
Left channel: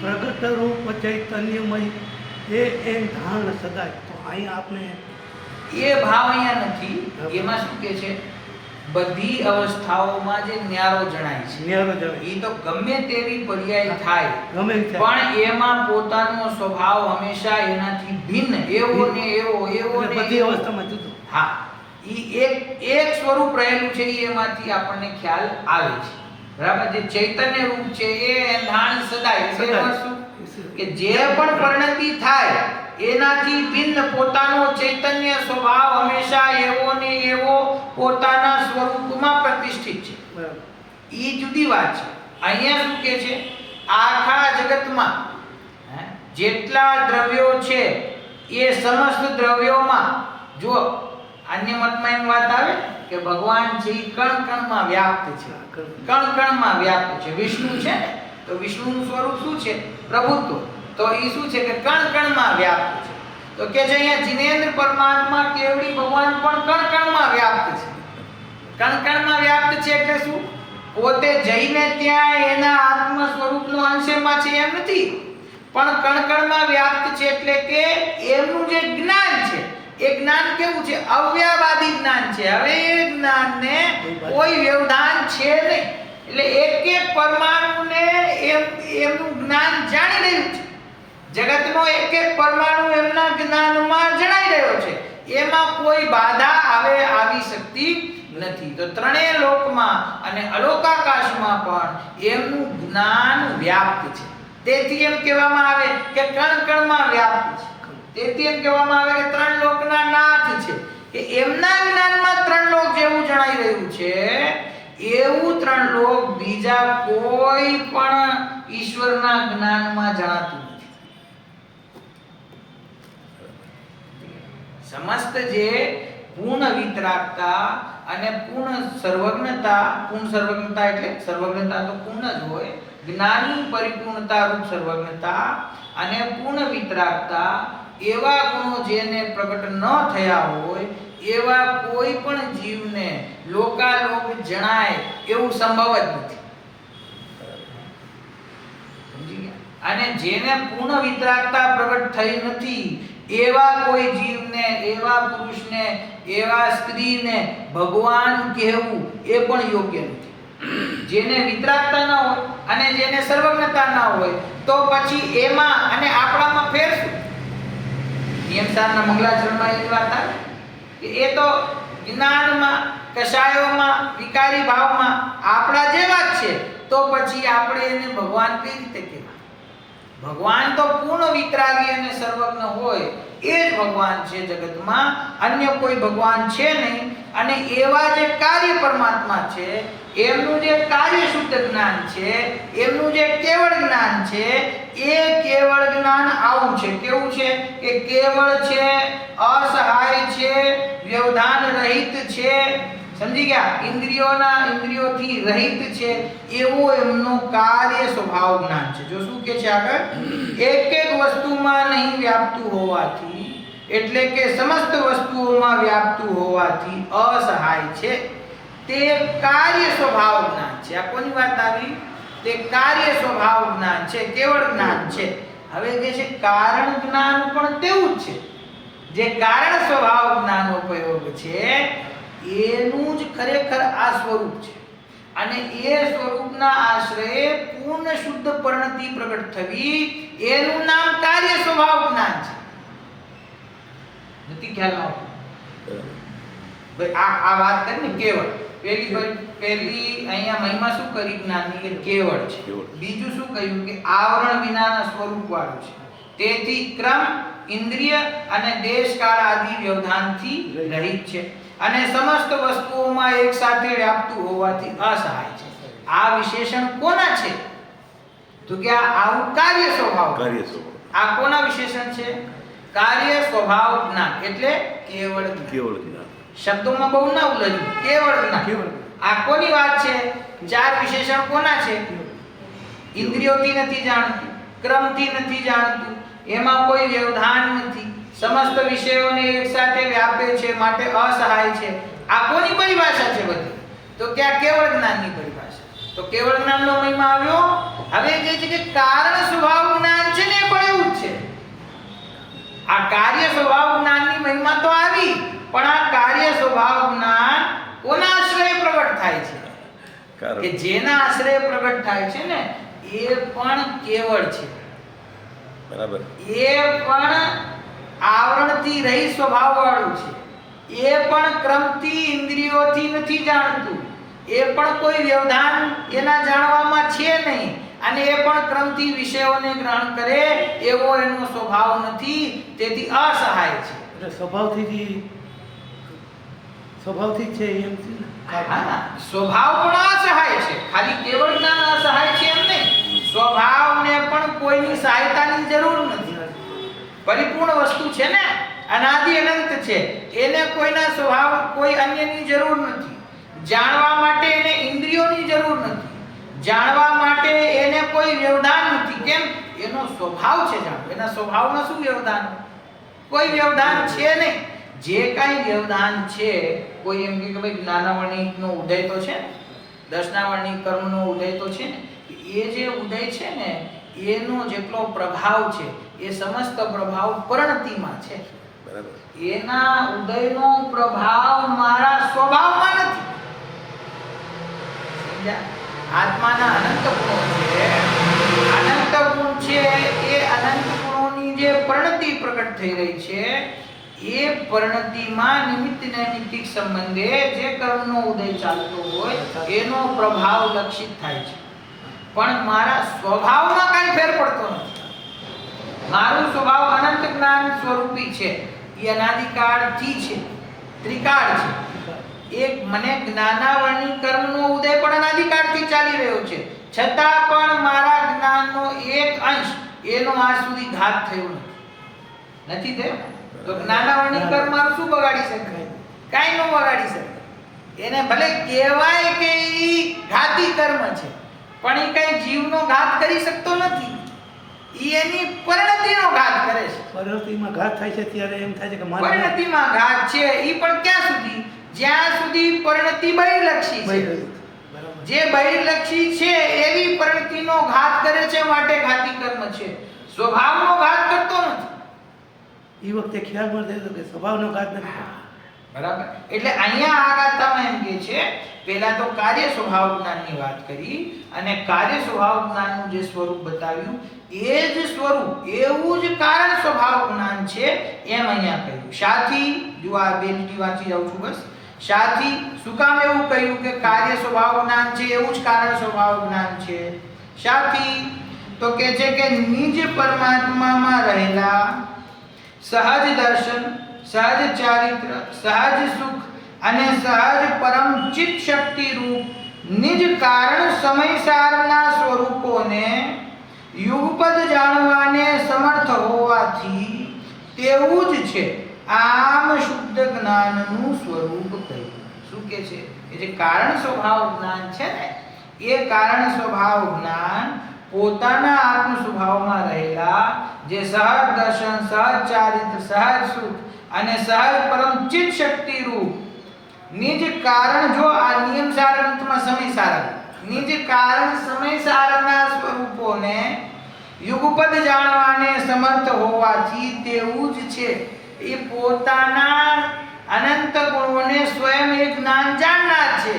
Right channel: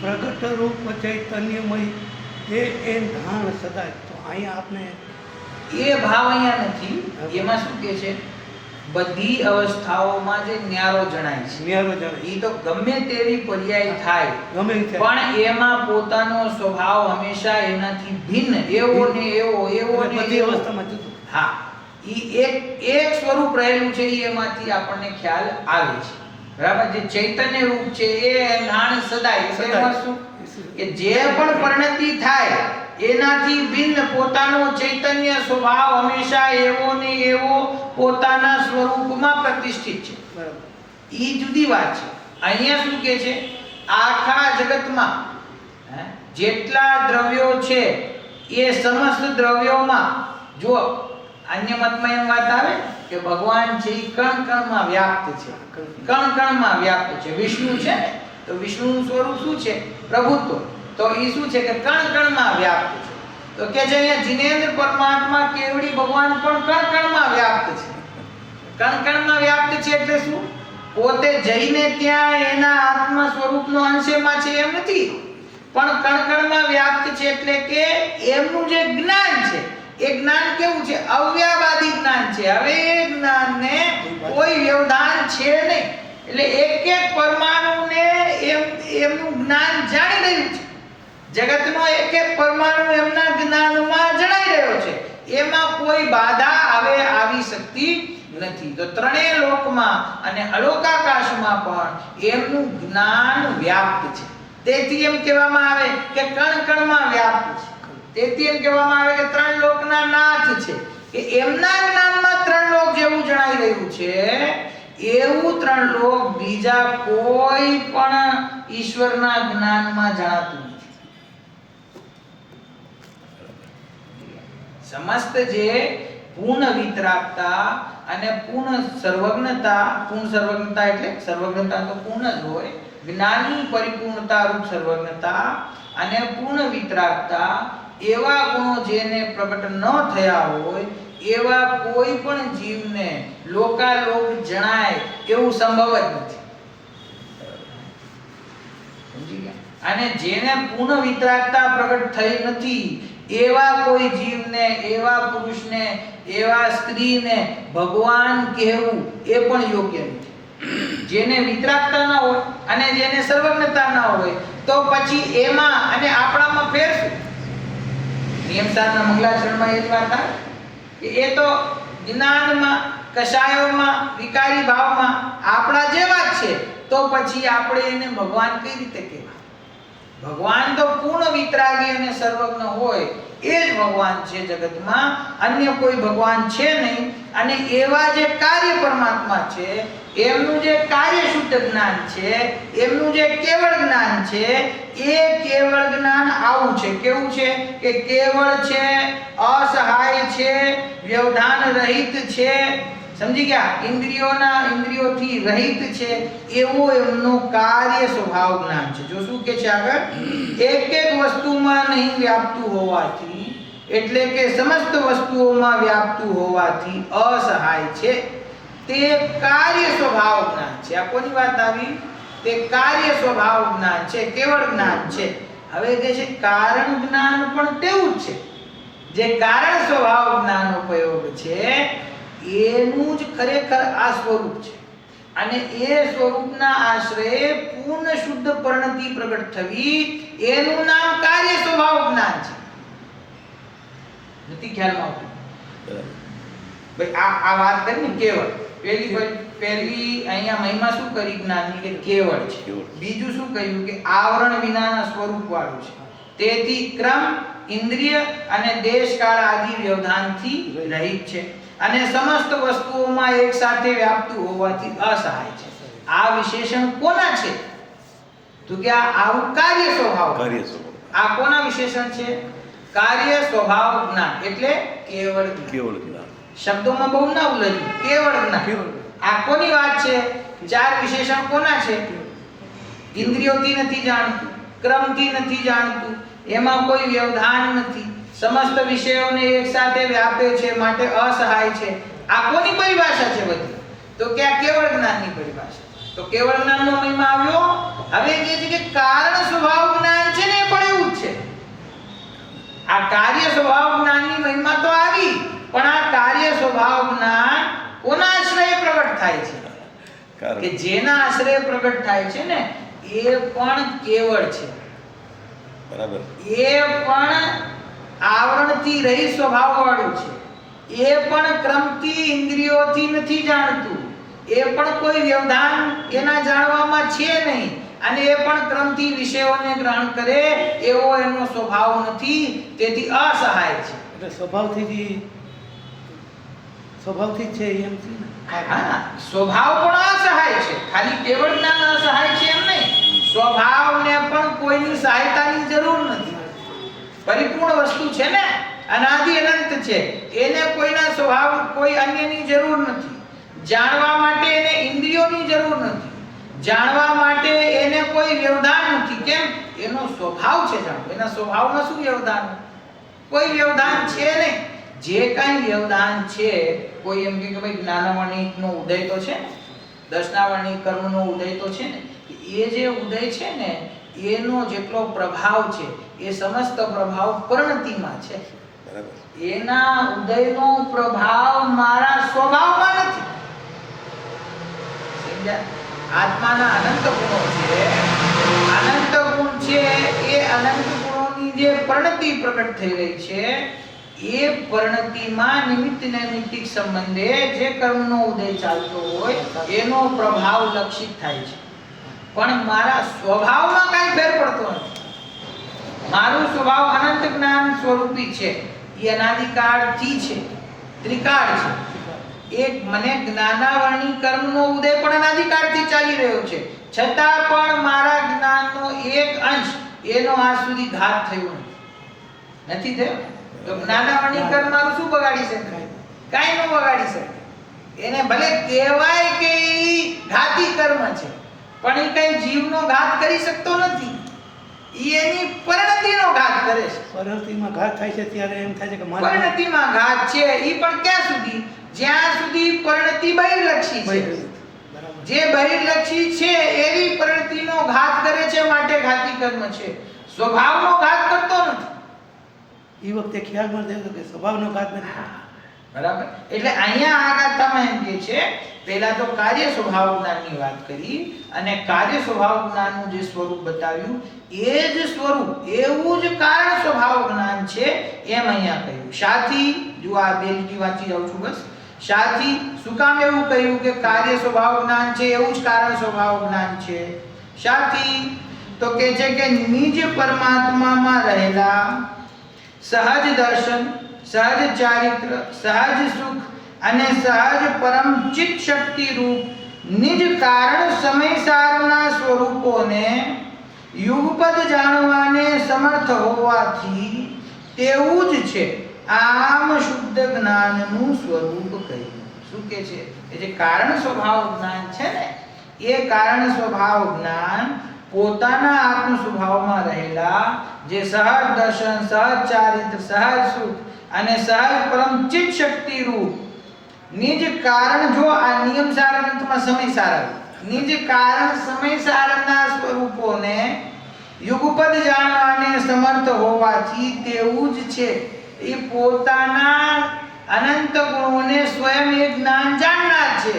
પ્રગટ રૂપ ચૈતન્યમય એ ધાણ સદાય. તો અહીંયા આપણે એ ભાવ અહીંયા નથી. એમાં શું કહે છે? બધી અવસ્થાઓમાં જે ન્યારો જણાય છે, ન્યારો જણાય, એ તો ગમે તેવી પર્યાય થાય, ગમે તે થાય, પણ એમાં પોતાનો સ્વભાવ હંમેશા એનાથી ભિન્ન, એવો ને એવો, એવો ને બધી એવો. અવસ્થામાં જુદું. હા, એક સ્વરૂપ રહેલું છે, એમાંથી આપણને ખ્યાલ આવે છે. બરાબર. જે ચૈતન્ય રૂપ છે એ નાણ સદાય. એટલે શું? કે જે પણ પરિણતિ થાય એનાથી ભિન્ન પોતાનો ચૈતન્ય સ્વભાવ હંમેશા એવો ને એવો પોતાના સ્વરૂપમાં પ્રતિષ્ઠિત છે. બરાબર. એ જુદી વાત છે. અહીંયા શું કહે છે? આખા જગતમાં જેટલા દ્રવ્યો છે એ સમસ્ત દ્રવ્યોમાં, જો અન્ય મતમાં એમ વાત આવે કે ભગવાન છે એ કણ કણમાં વ્યાપ્ત છે, કણ કણમાં વ્યાપ્ત છે. વિષ્ણુ છે ને, તો વિષ્ણુનું સ્વરૂપ શું છે? પ્રભુત્વ. તો એ શું છે કે કણ કણમાં વ્યાપ્ત છે. તો કે છે અહીંયા જીનેન્દ્ર પરમાત્મા કેવડી ભગવાન પણ કણ કણમાં વ્યાપ્ત છે. કણ કણમાં વ્યાપ્ત છે એટલે શું? પોતે જઈને ત્યાં એના આત્મ સ્વરૂપનો અંશમાં છે એમ નથી, પણ કણ કણમાં વ્યાપ્ત છે. એટલે કે એમનું જે જ્ઞાન છે એ જ્ઞાન કેવું છે? અવ્યાવાદી જ્ઞાન છે. હવે એ જ્ઞાનને કોઈ વ્યવધાન છે નહીં. એટલે એક પરમાણુને એમનું જ્ઞાન જાણી રહ્યું છે. જગતનો એક પરમાણુ એમના જ્ઞાનમાં જણાઈ રહ્યો છે. એમાં કોઈ બાધા આવી શકતી નથી. તો ત્રણેય લોકમાં અને અલોકાકાશમાં પણ એમનું જ્ઞાન વ્યાપ્ત છે. તેથી એમ કહેવામાં આવે કે કણ કણમાં વ્યાપ્ત છે. તેથી એમ કહેવામાં આવે કે ત્રણ લોકના નાથ છે, કે એમના જ્ઞાનમાં ત્રણ લોક જેવું જણાઈ રહ્યું છે એવું ત્રણ લોક બીજા કોઈ પણ ઈશ્વરના જ્ઞાનમાં જણાતું નથી. સમસ્ત જે પૂર્ણ વિતરાગતા અને પૂર્ણ સર્વજ્ઞતા એટલે સર્વજ્ઞતા તો પૂર્ણ જ હોય, જ્ઞાની પરિપૂર્ણતા રૂપ સર્વજ્ઞતા અને પૂર્ણ વિતરાગતા એવા ગુણો જેને પ્રગટ ન થયા હોય એવા કોઈ પણ જીવને લોકાલોક જણાય એવું સંભવ જ નથી. સમજી ગયા? અને જેને પૂર્ણ વિતરાગતા પ્રગટ થઈ નથી એવા કોઈ જીવને, એવા પુરુષને, એવા સ્ત્રીને ભગવાન કહેવું એ પણ યોગ્ય નથી. જેને વિતરાગતા ન હોય અને જેને સર્વજ્ઞતા ન હોય તો પછી એમાં અને આપણામાં ફેર શું? નિયમસારના મંગલાચરણમાં એ જ વાત આવે કે એ તો જ્ઞાનમાં, કષાયોમાં, વિકારી ભાવમાં આપણા જેવા જ છે, તો પછી આપણે એને ભગવાન કઈ રીતે કહેવાય? ભગવાન તો પૂર્ણ વિતરાગી અને સર્વજ્ઞ હોય એ જ ભગવાન છે જગતમાં, અન્ય કોઈ ભગવાન છે નહીં. અને એવા જે કાર્ય પરમાત્મા છે એમનું જે કાર્ય શુદ્ધ જ્ઞાન છે, એમનું જે કેવળ જ્ઞાન છે એ કેવળ જ્ઞાન આવું છે. કેવું છે? કે કેવળ છે, અસહાય છે, વ્યવધાન રહિત છે. સમજી ગયા? ઇન્દ્રિયોથી રહિત છે એવો એમનો કાર્ય સ્વભાવ જ્ઞાન છે. જો શું કે છે આગળ, એક એક વસ્તુમાં નહીં વ્યાપતું હોવાથી, એટલે કે સમસ્ત વસ્તુઓમાં વ્યાપતું હોવાથી અસહાય છે. તે કાર્ય સ્વભાવ જ્ઞાન છે. આ કોની વાત આવી? તે કાર્ય સ્વભાવ જ્ઞાન છે, કેવળ જ્ઞાન છે. હવે કે છે કારણ જ્ઞાન પણ તેવું જ છે. જે કારણ સ્વભાવ જ્ઞાનનો પ્રયોગ છે એનું જ ખરેખર આ સ્વરૂપ છે. અને એ સ્વરૂપના આશ્રયે પૂર્ણ શુદ્ધ પરિણતિ પ્રગટ થવી એનું નામ કાર્ય સ્વભાવ જ્ઞાન છે. નથી ખ્યાલમાં આવતું? ભાઈ આ વાત કરી ને કેવળ, પહેલી અહીંયા મહિમા શું કરી જ્ઞાનની? કે કેવળ છે. બીજું શું કહ્યું? કે આવરણ વિનાના સ્વરૂપ વાળું છે. તેથી ક્રમ, ઇન્દ્રિય અને દેશ કાળ આદિ વ્યવધાનથી રહિત છે અને સમસ્ત વસ્તુઓમાં એક સાથે વ્યાપતું હોવાથી અસહાય છે. આ વિશેષણ કોના છે? તો કે આવું કાર્ય સ્વભાવ. આ કોના વિશેષણ છે? કાર્ય સ્વભાવ જ્ઞાન એટલે કેવળ જ્ઞાન. શબ્દોમાં બહુ ના ઉલਝવું, કેવળ જ્ઞાન. આ કોની વાત છે? ચાર વિશેષણ કોના છે? ઇન્દ્રિયોથી નથી જાણતું, ક્રમથી નથી જાણતું, એમાં કોઈ વ્યવધાન નથી, સમસ્ત વિષયોને એક સાથે વ્યાપે છે માટે અસહાય છે. આ કોની પરિભાષા છે બધી? તો કે આ કેવળ જ્ઞાનની પરિભાષા. તો કેવળ જ્ઞાનનો મહિમા આવ્યો. હવે જે છે કે કારણ સ્વભાવ જ્ઞાન છે ને એ પણ એવું જ છે. આ કાર્ય સ્વભાવ જ્ઞાનની મહિમા તો આવી, પણ આ કાર્ય સ્વભાવ જ્ઞાન કોના આશ્રય પ્રગટ થાય છે? કે જેના આશ્રય પ્રગટ થાય છે ને એ પણ કેવળ છે. બરાબર. એ પણ આવરણથી રહી સ્વભાવ વાળું છે. એ પણ ક્રમથી, ઇન્દ્રિયોથી નથી જાણતું. એ પણ કોઈ વ્યવધાન એના જાણવામાં છે નહીં. અને એ પણ ક્રમથી વિષયોને ગ્રહણ કરે એવો એનો સ્વભાવ નથી. તેથી અસહાય છે. એટલે સ્વભાવથી છે એમ છે ને? હા, સ્વભાવ પણ અસહાય છે. ખાલી કેવળ જ્ઞાન અસહાય છે એમ નહીં. સ્વભાવને પણ કોઈની સહાયતાની જરૂર નથી. પરિપૂર્ણ વસ્તુ છે ને, અનાદિ અનંત છે. એને કોઈના સ્વભાવ, કોઈ અન્યની જરૂર નથી. જાણવા માટે એને ઇન્દ્રિયોની જરૂર નથી. જાણવા માટે એને કોઈ વ્યવધાન નથી. કેમ? એનો સ્વભાવ છે જાણવો. એના સ્વભાવમાં શું વ્યવધાન? કોઈ વ્યવધાન છે નહીં. જે કાંઈ વ્યવધાન છે, કોઈ એમ કે ભાઈ જ્ઞાનાવર્ણિકનો ઉદય તો છે ને, દર્શનાવર્ણિક કર્મનો ઉદય તો છે ને, એ જે ઉદય છે ને એનો જેટલો પ્રભાવ છે એ સમસ્ત પ્રભાવ પરિણતિમાં છે. બરાબર. એના ઉદયનો પ્રભાવ મારા સ્વભાવમાં નથી. સમજ્યા? આત્માના અનંત ગુણો છે. અનંત ગુણ છે એ અનંત ગુણોની જે પરિણતિ પ્રગટ થઈ રહી છે એ પરિણતિમાં નિમિત્ત નૈમિત્તિક સંબંધે જે કર્મનો ઉદય ચાલતો હોય એનો પ્રભાવ લક્ષિત થાય છે, પણ મારા સ્વભાવમાં કાંઈ ફેર પડતો નથી. મારું સ્વભાવ અનંત જ્ઞાન સ્વરૂપી છે, એ અનાદિકાળથી છે, ત્રિકાળ છે. એક મને જ્ઞાનાવરણી કર્મનો ઉદય પણ અનાદિકાળથી ચાલી રહ્યો છે, છતાં પણ મારા જ્ઞાનનો એક અંશ એનો આજ સુધી ઘાત થયો નથી થયો. તો જ્ઞાનાવરણી કર્મ મારું શું બગાડી શકે? કાંઈ ન બગાડી શકે. એને ભલે કહેવાય કે ઈ ઘાતી કર્મ છે, પણ એ કઈ જીવનો ઘાત કરી શકતો નથી. ઈ એની પરિણતિનો ઘાત કરે છે. પરિણતિમાં ઘાત થાય છે ત્યારે એમ થાય છે કે મારા પરિણતિમાં ઘાત છે, ઈ પણ ક્યાં સુધી? જ્યાં સુધી પરિણતિ બહિર્લક્ષી છે. બરાબર. જે બહિર્લક્ષી છે એવી પરિણતિનો ઘાત કરે છે, માટે ઘાતી કર્મ છે. સ્વભાવનો ઘાત કરતો નથી. એ વખતે ખ્યાલમાં થયો કે સ્વભાવનો ઘાત નથી કરતો. બરાબર. એટલે અહીંયા આ ગાથામાં એમ કે છે, પહેલા તો કાર્ય સ્વભાવ જ્ઞાનની વાત કરી અને કાર્ય સ્વભાવ જ્ઞાનનું જે સ્વરૂપ બતાવ્યું એ જ સ્વરૂપ એવું જ કારણ સ્વભાવ જ્ઞાન છે એમ અહીંયા કહ્યું. શાથી જો આ બે લીટી વાંચી જાઉં છું બસ. શાથી શું કામ એવું કહ્યું કે કાર્ય સ્વભાવ જ્ઞાન છે એવું જ કારણ સ્વભાવ જ્ઞાન છે? શાથી તો કે છે કે નિજ પરમાત્મામાં રહેલા સહજ દર્શન, સહજ ચારિત્ર, સહજ સુખ અને સહજ પરમ ચિત્ત શક્તિ રૂપ નિજ કારણ સમયસારના સ્વરૂપોને યુગપદ જાણવાને સમર્થ હોવાથી તેવું જ છે આમ શુદ્ધ જ્ઞાનનું સ્વરૂપ કહ્યું. શું કે છે? એ જે કારણ સ્વભાવ જ્ઞાન છે ને, એ કારણ સ્વભાવ જ્ઞાન પોતાના આત્મ સ્વભાવમાં રહેલા જે સહજ દર્શન, સહજ ચારિત્ર, સહજ સુખ અને સહજ પરમ ચિત્ત શક્તિ રૂપ નિજ કારણ, જો આ નિયમ સારાંશમાં સમય સારા, નિજ કારણ સમય સારના સ્વરૂપોને યુગપદ જાણવાને સમર્થ હોવાથી તેવું જ છે એ પોતાના અનંત ગુણોને સ્વયં એક જ્ઞાન જાણનાર છે.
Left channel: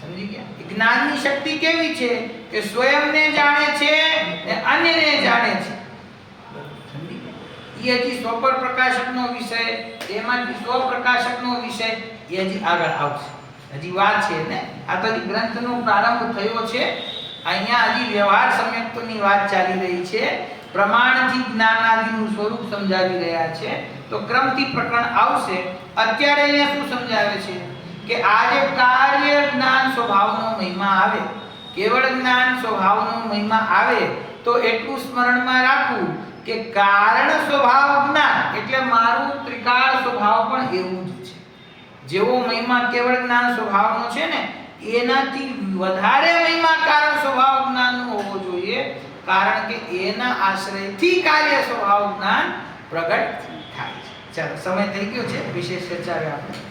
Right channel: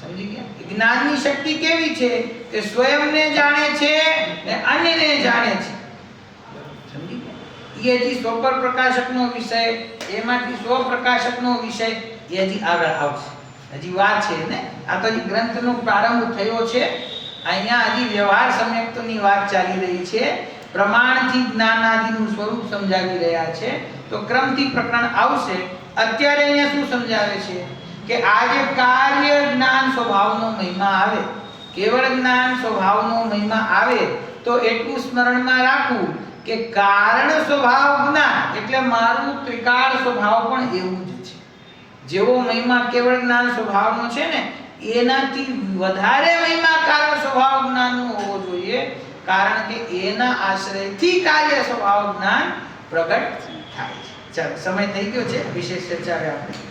સમજી ગયા? જ્ઞાનની શક્તિ કેવી છે કે સ્વયંને જાણે છે અને અન્યને જાણે છે. સમજી ગયા? એ હજી સ્વપર પ્રકાશકનો વિષય, એમાંથી સ્વપ્રકાશકનો વિષય એ હજી આગળ આવશે. હજી વાર છે ને. આ તો હજી ગ્રંથનો પ્રારંભ થયો છે. અહીંયા હજી વ્યવહાર સમ્યક્તોની વાત ચાલી રહી છે. પ્રમાણથી જ્ઞાનાદિનું સ્વરૂપ સમજાવી રહ્યા છે. તો ક્રમથી પ્રકરણ આવશે. અત્યારે અહીંયા શું સમજાવે છે કે આ જે કાર્ય જ્ઞાન સ્વભાવનો મહિમા આવે, કેવળ જ્ઞાન સ્વભાવનો મહિમા આવે તો એટલું સ્મરણમાં રાખવું કે કારણ સ્વભાવ જ્ઞાન એટલે મારું ત્રિકાળ સ્વભાવ પણ એવું જ છે. જેવો મહિમા કેવળ જ્ઞાન સ્વભાવનો છે ને, એનાથી વધારે મહિમા કારણ સ્વભાવ જ્ઞાનનો હોવો જોઈએ, કારણ કે એના આશ્રયથી કાર્ય સ્વભાવ જ્ઞાન પ્રગટ થાય છે. ચાલો, સમય થઈ ગયો છે. વિશેષ ચર્ચા આપણે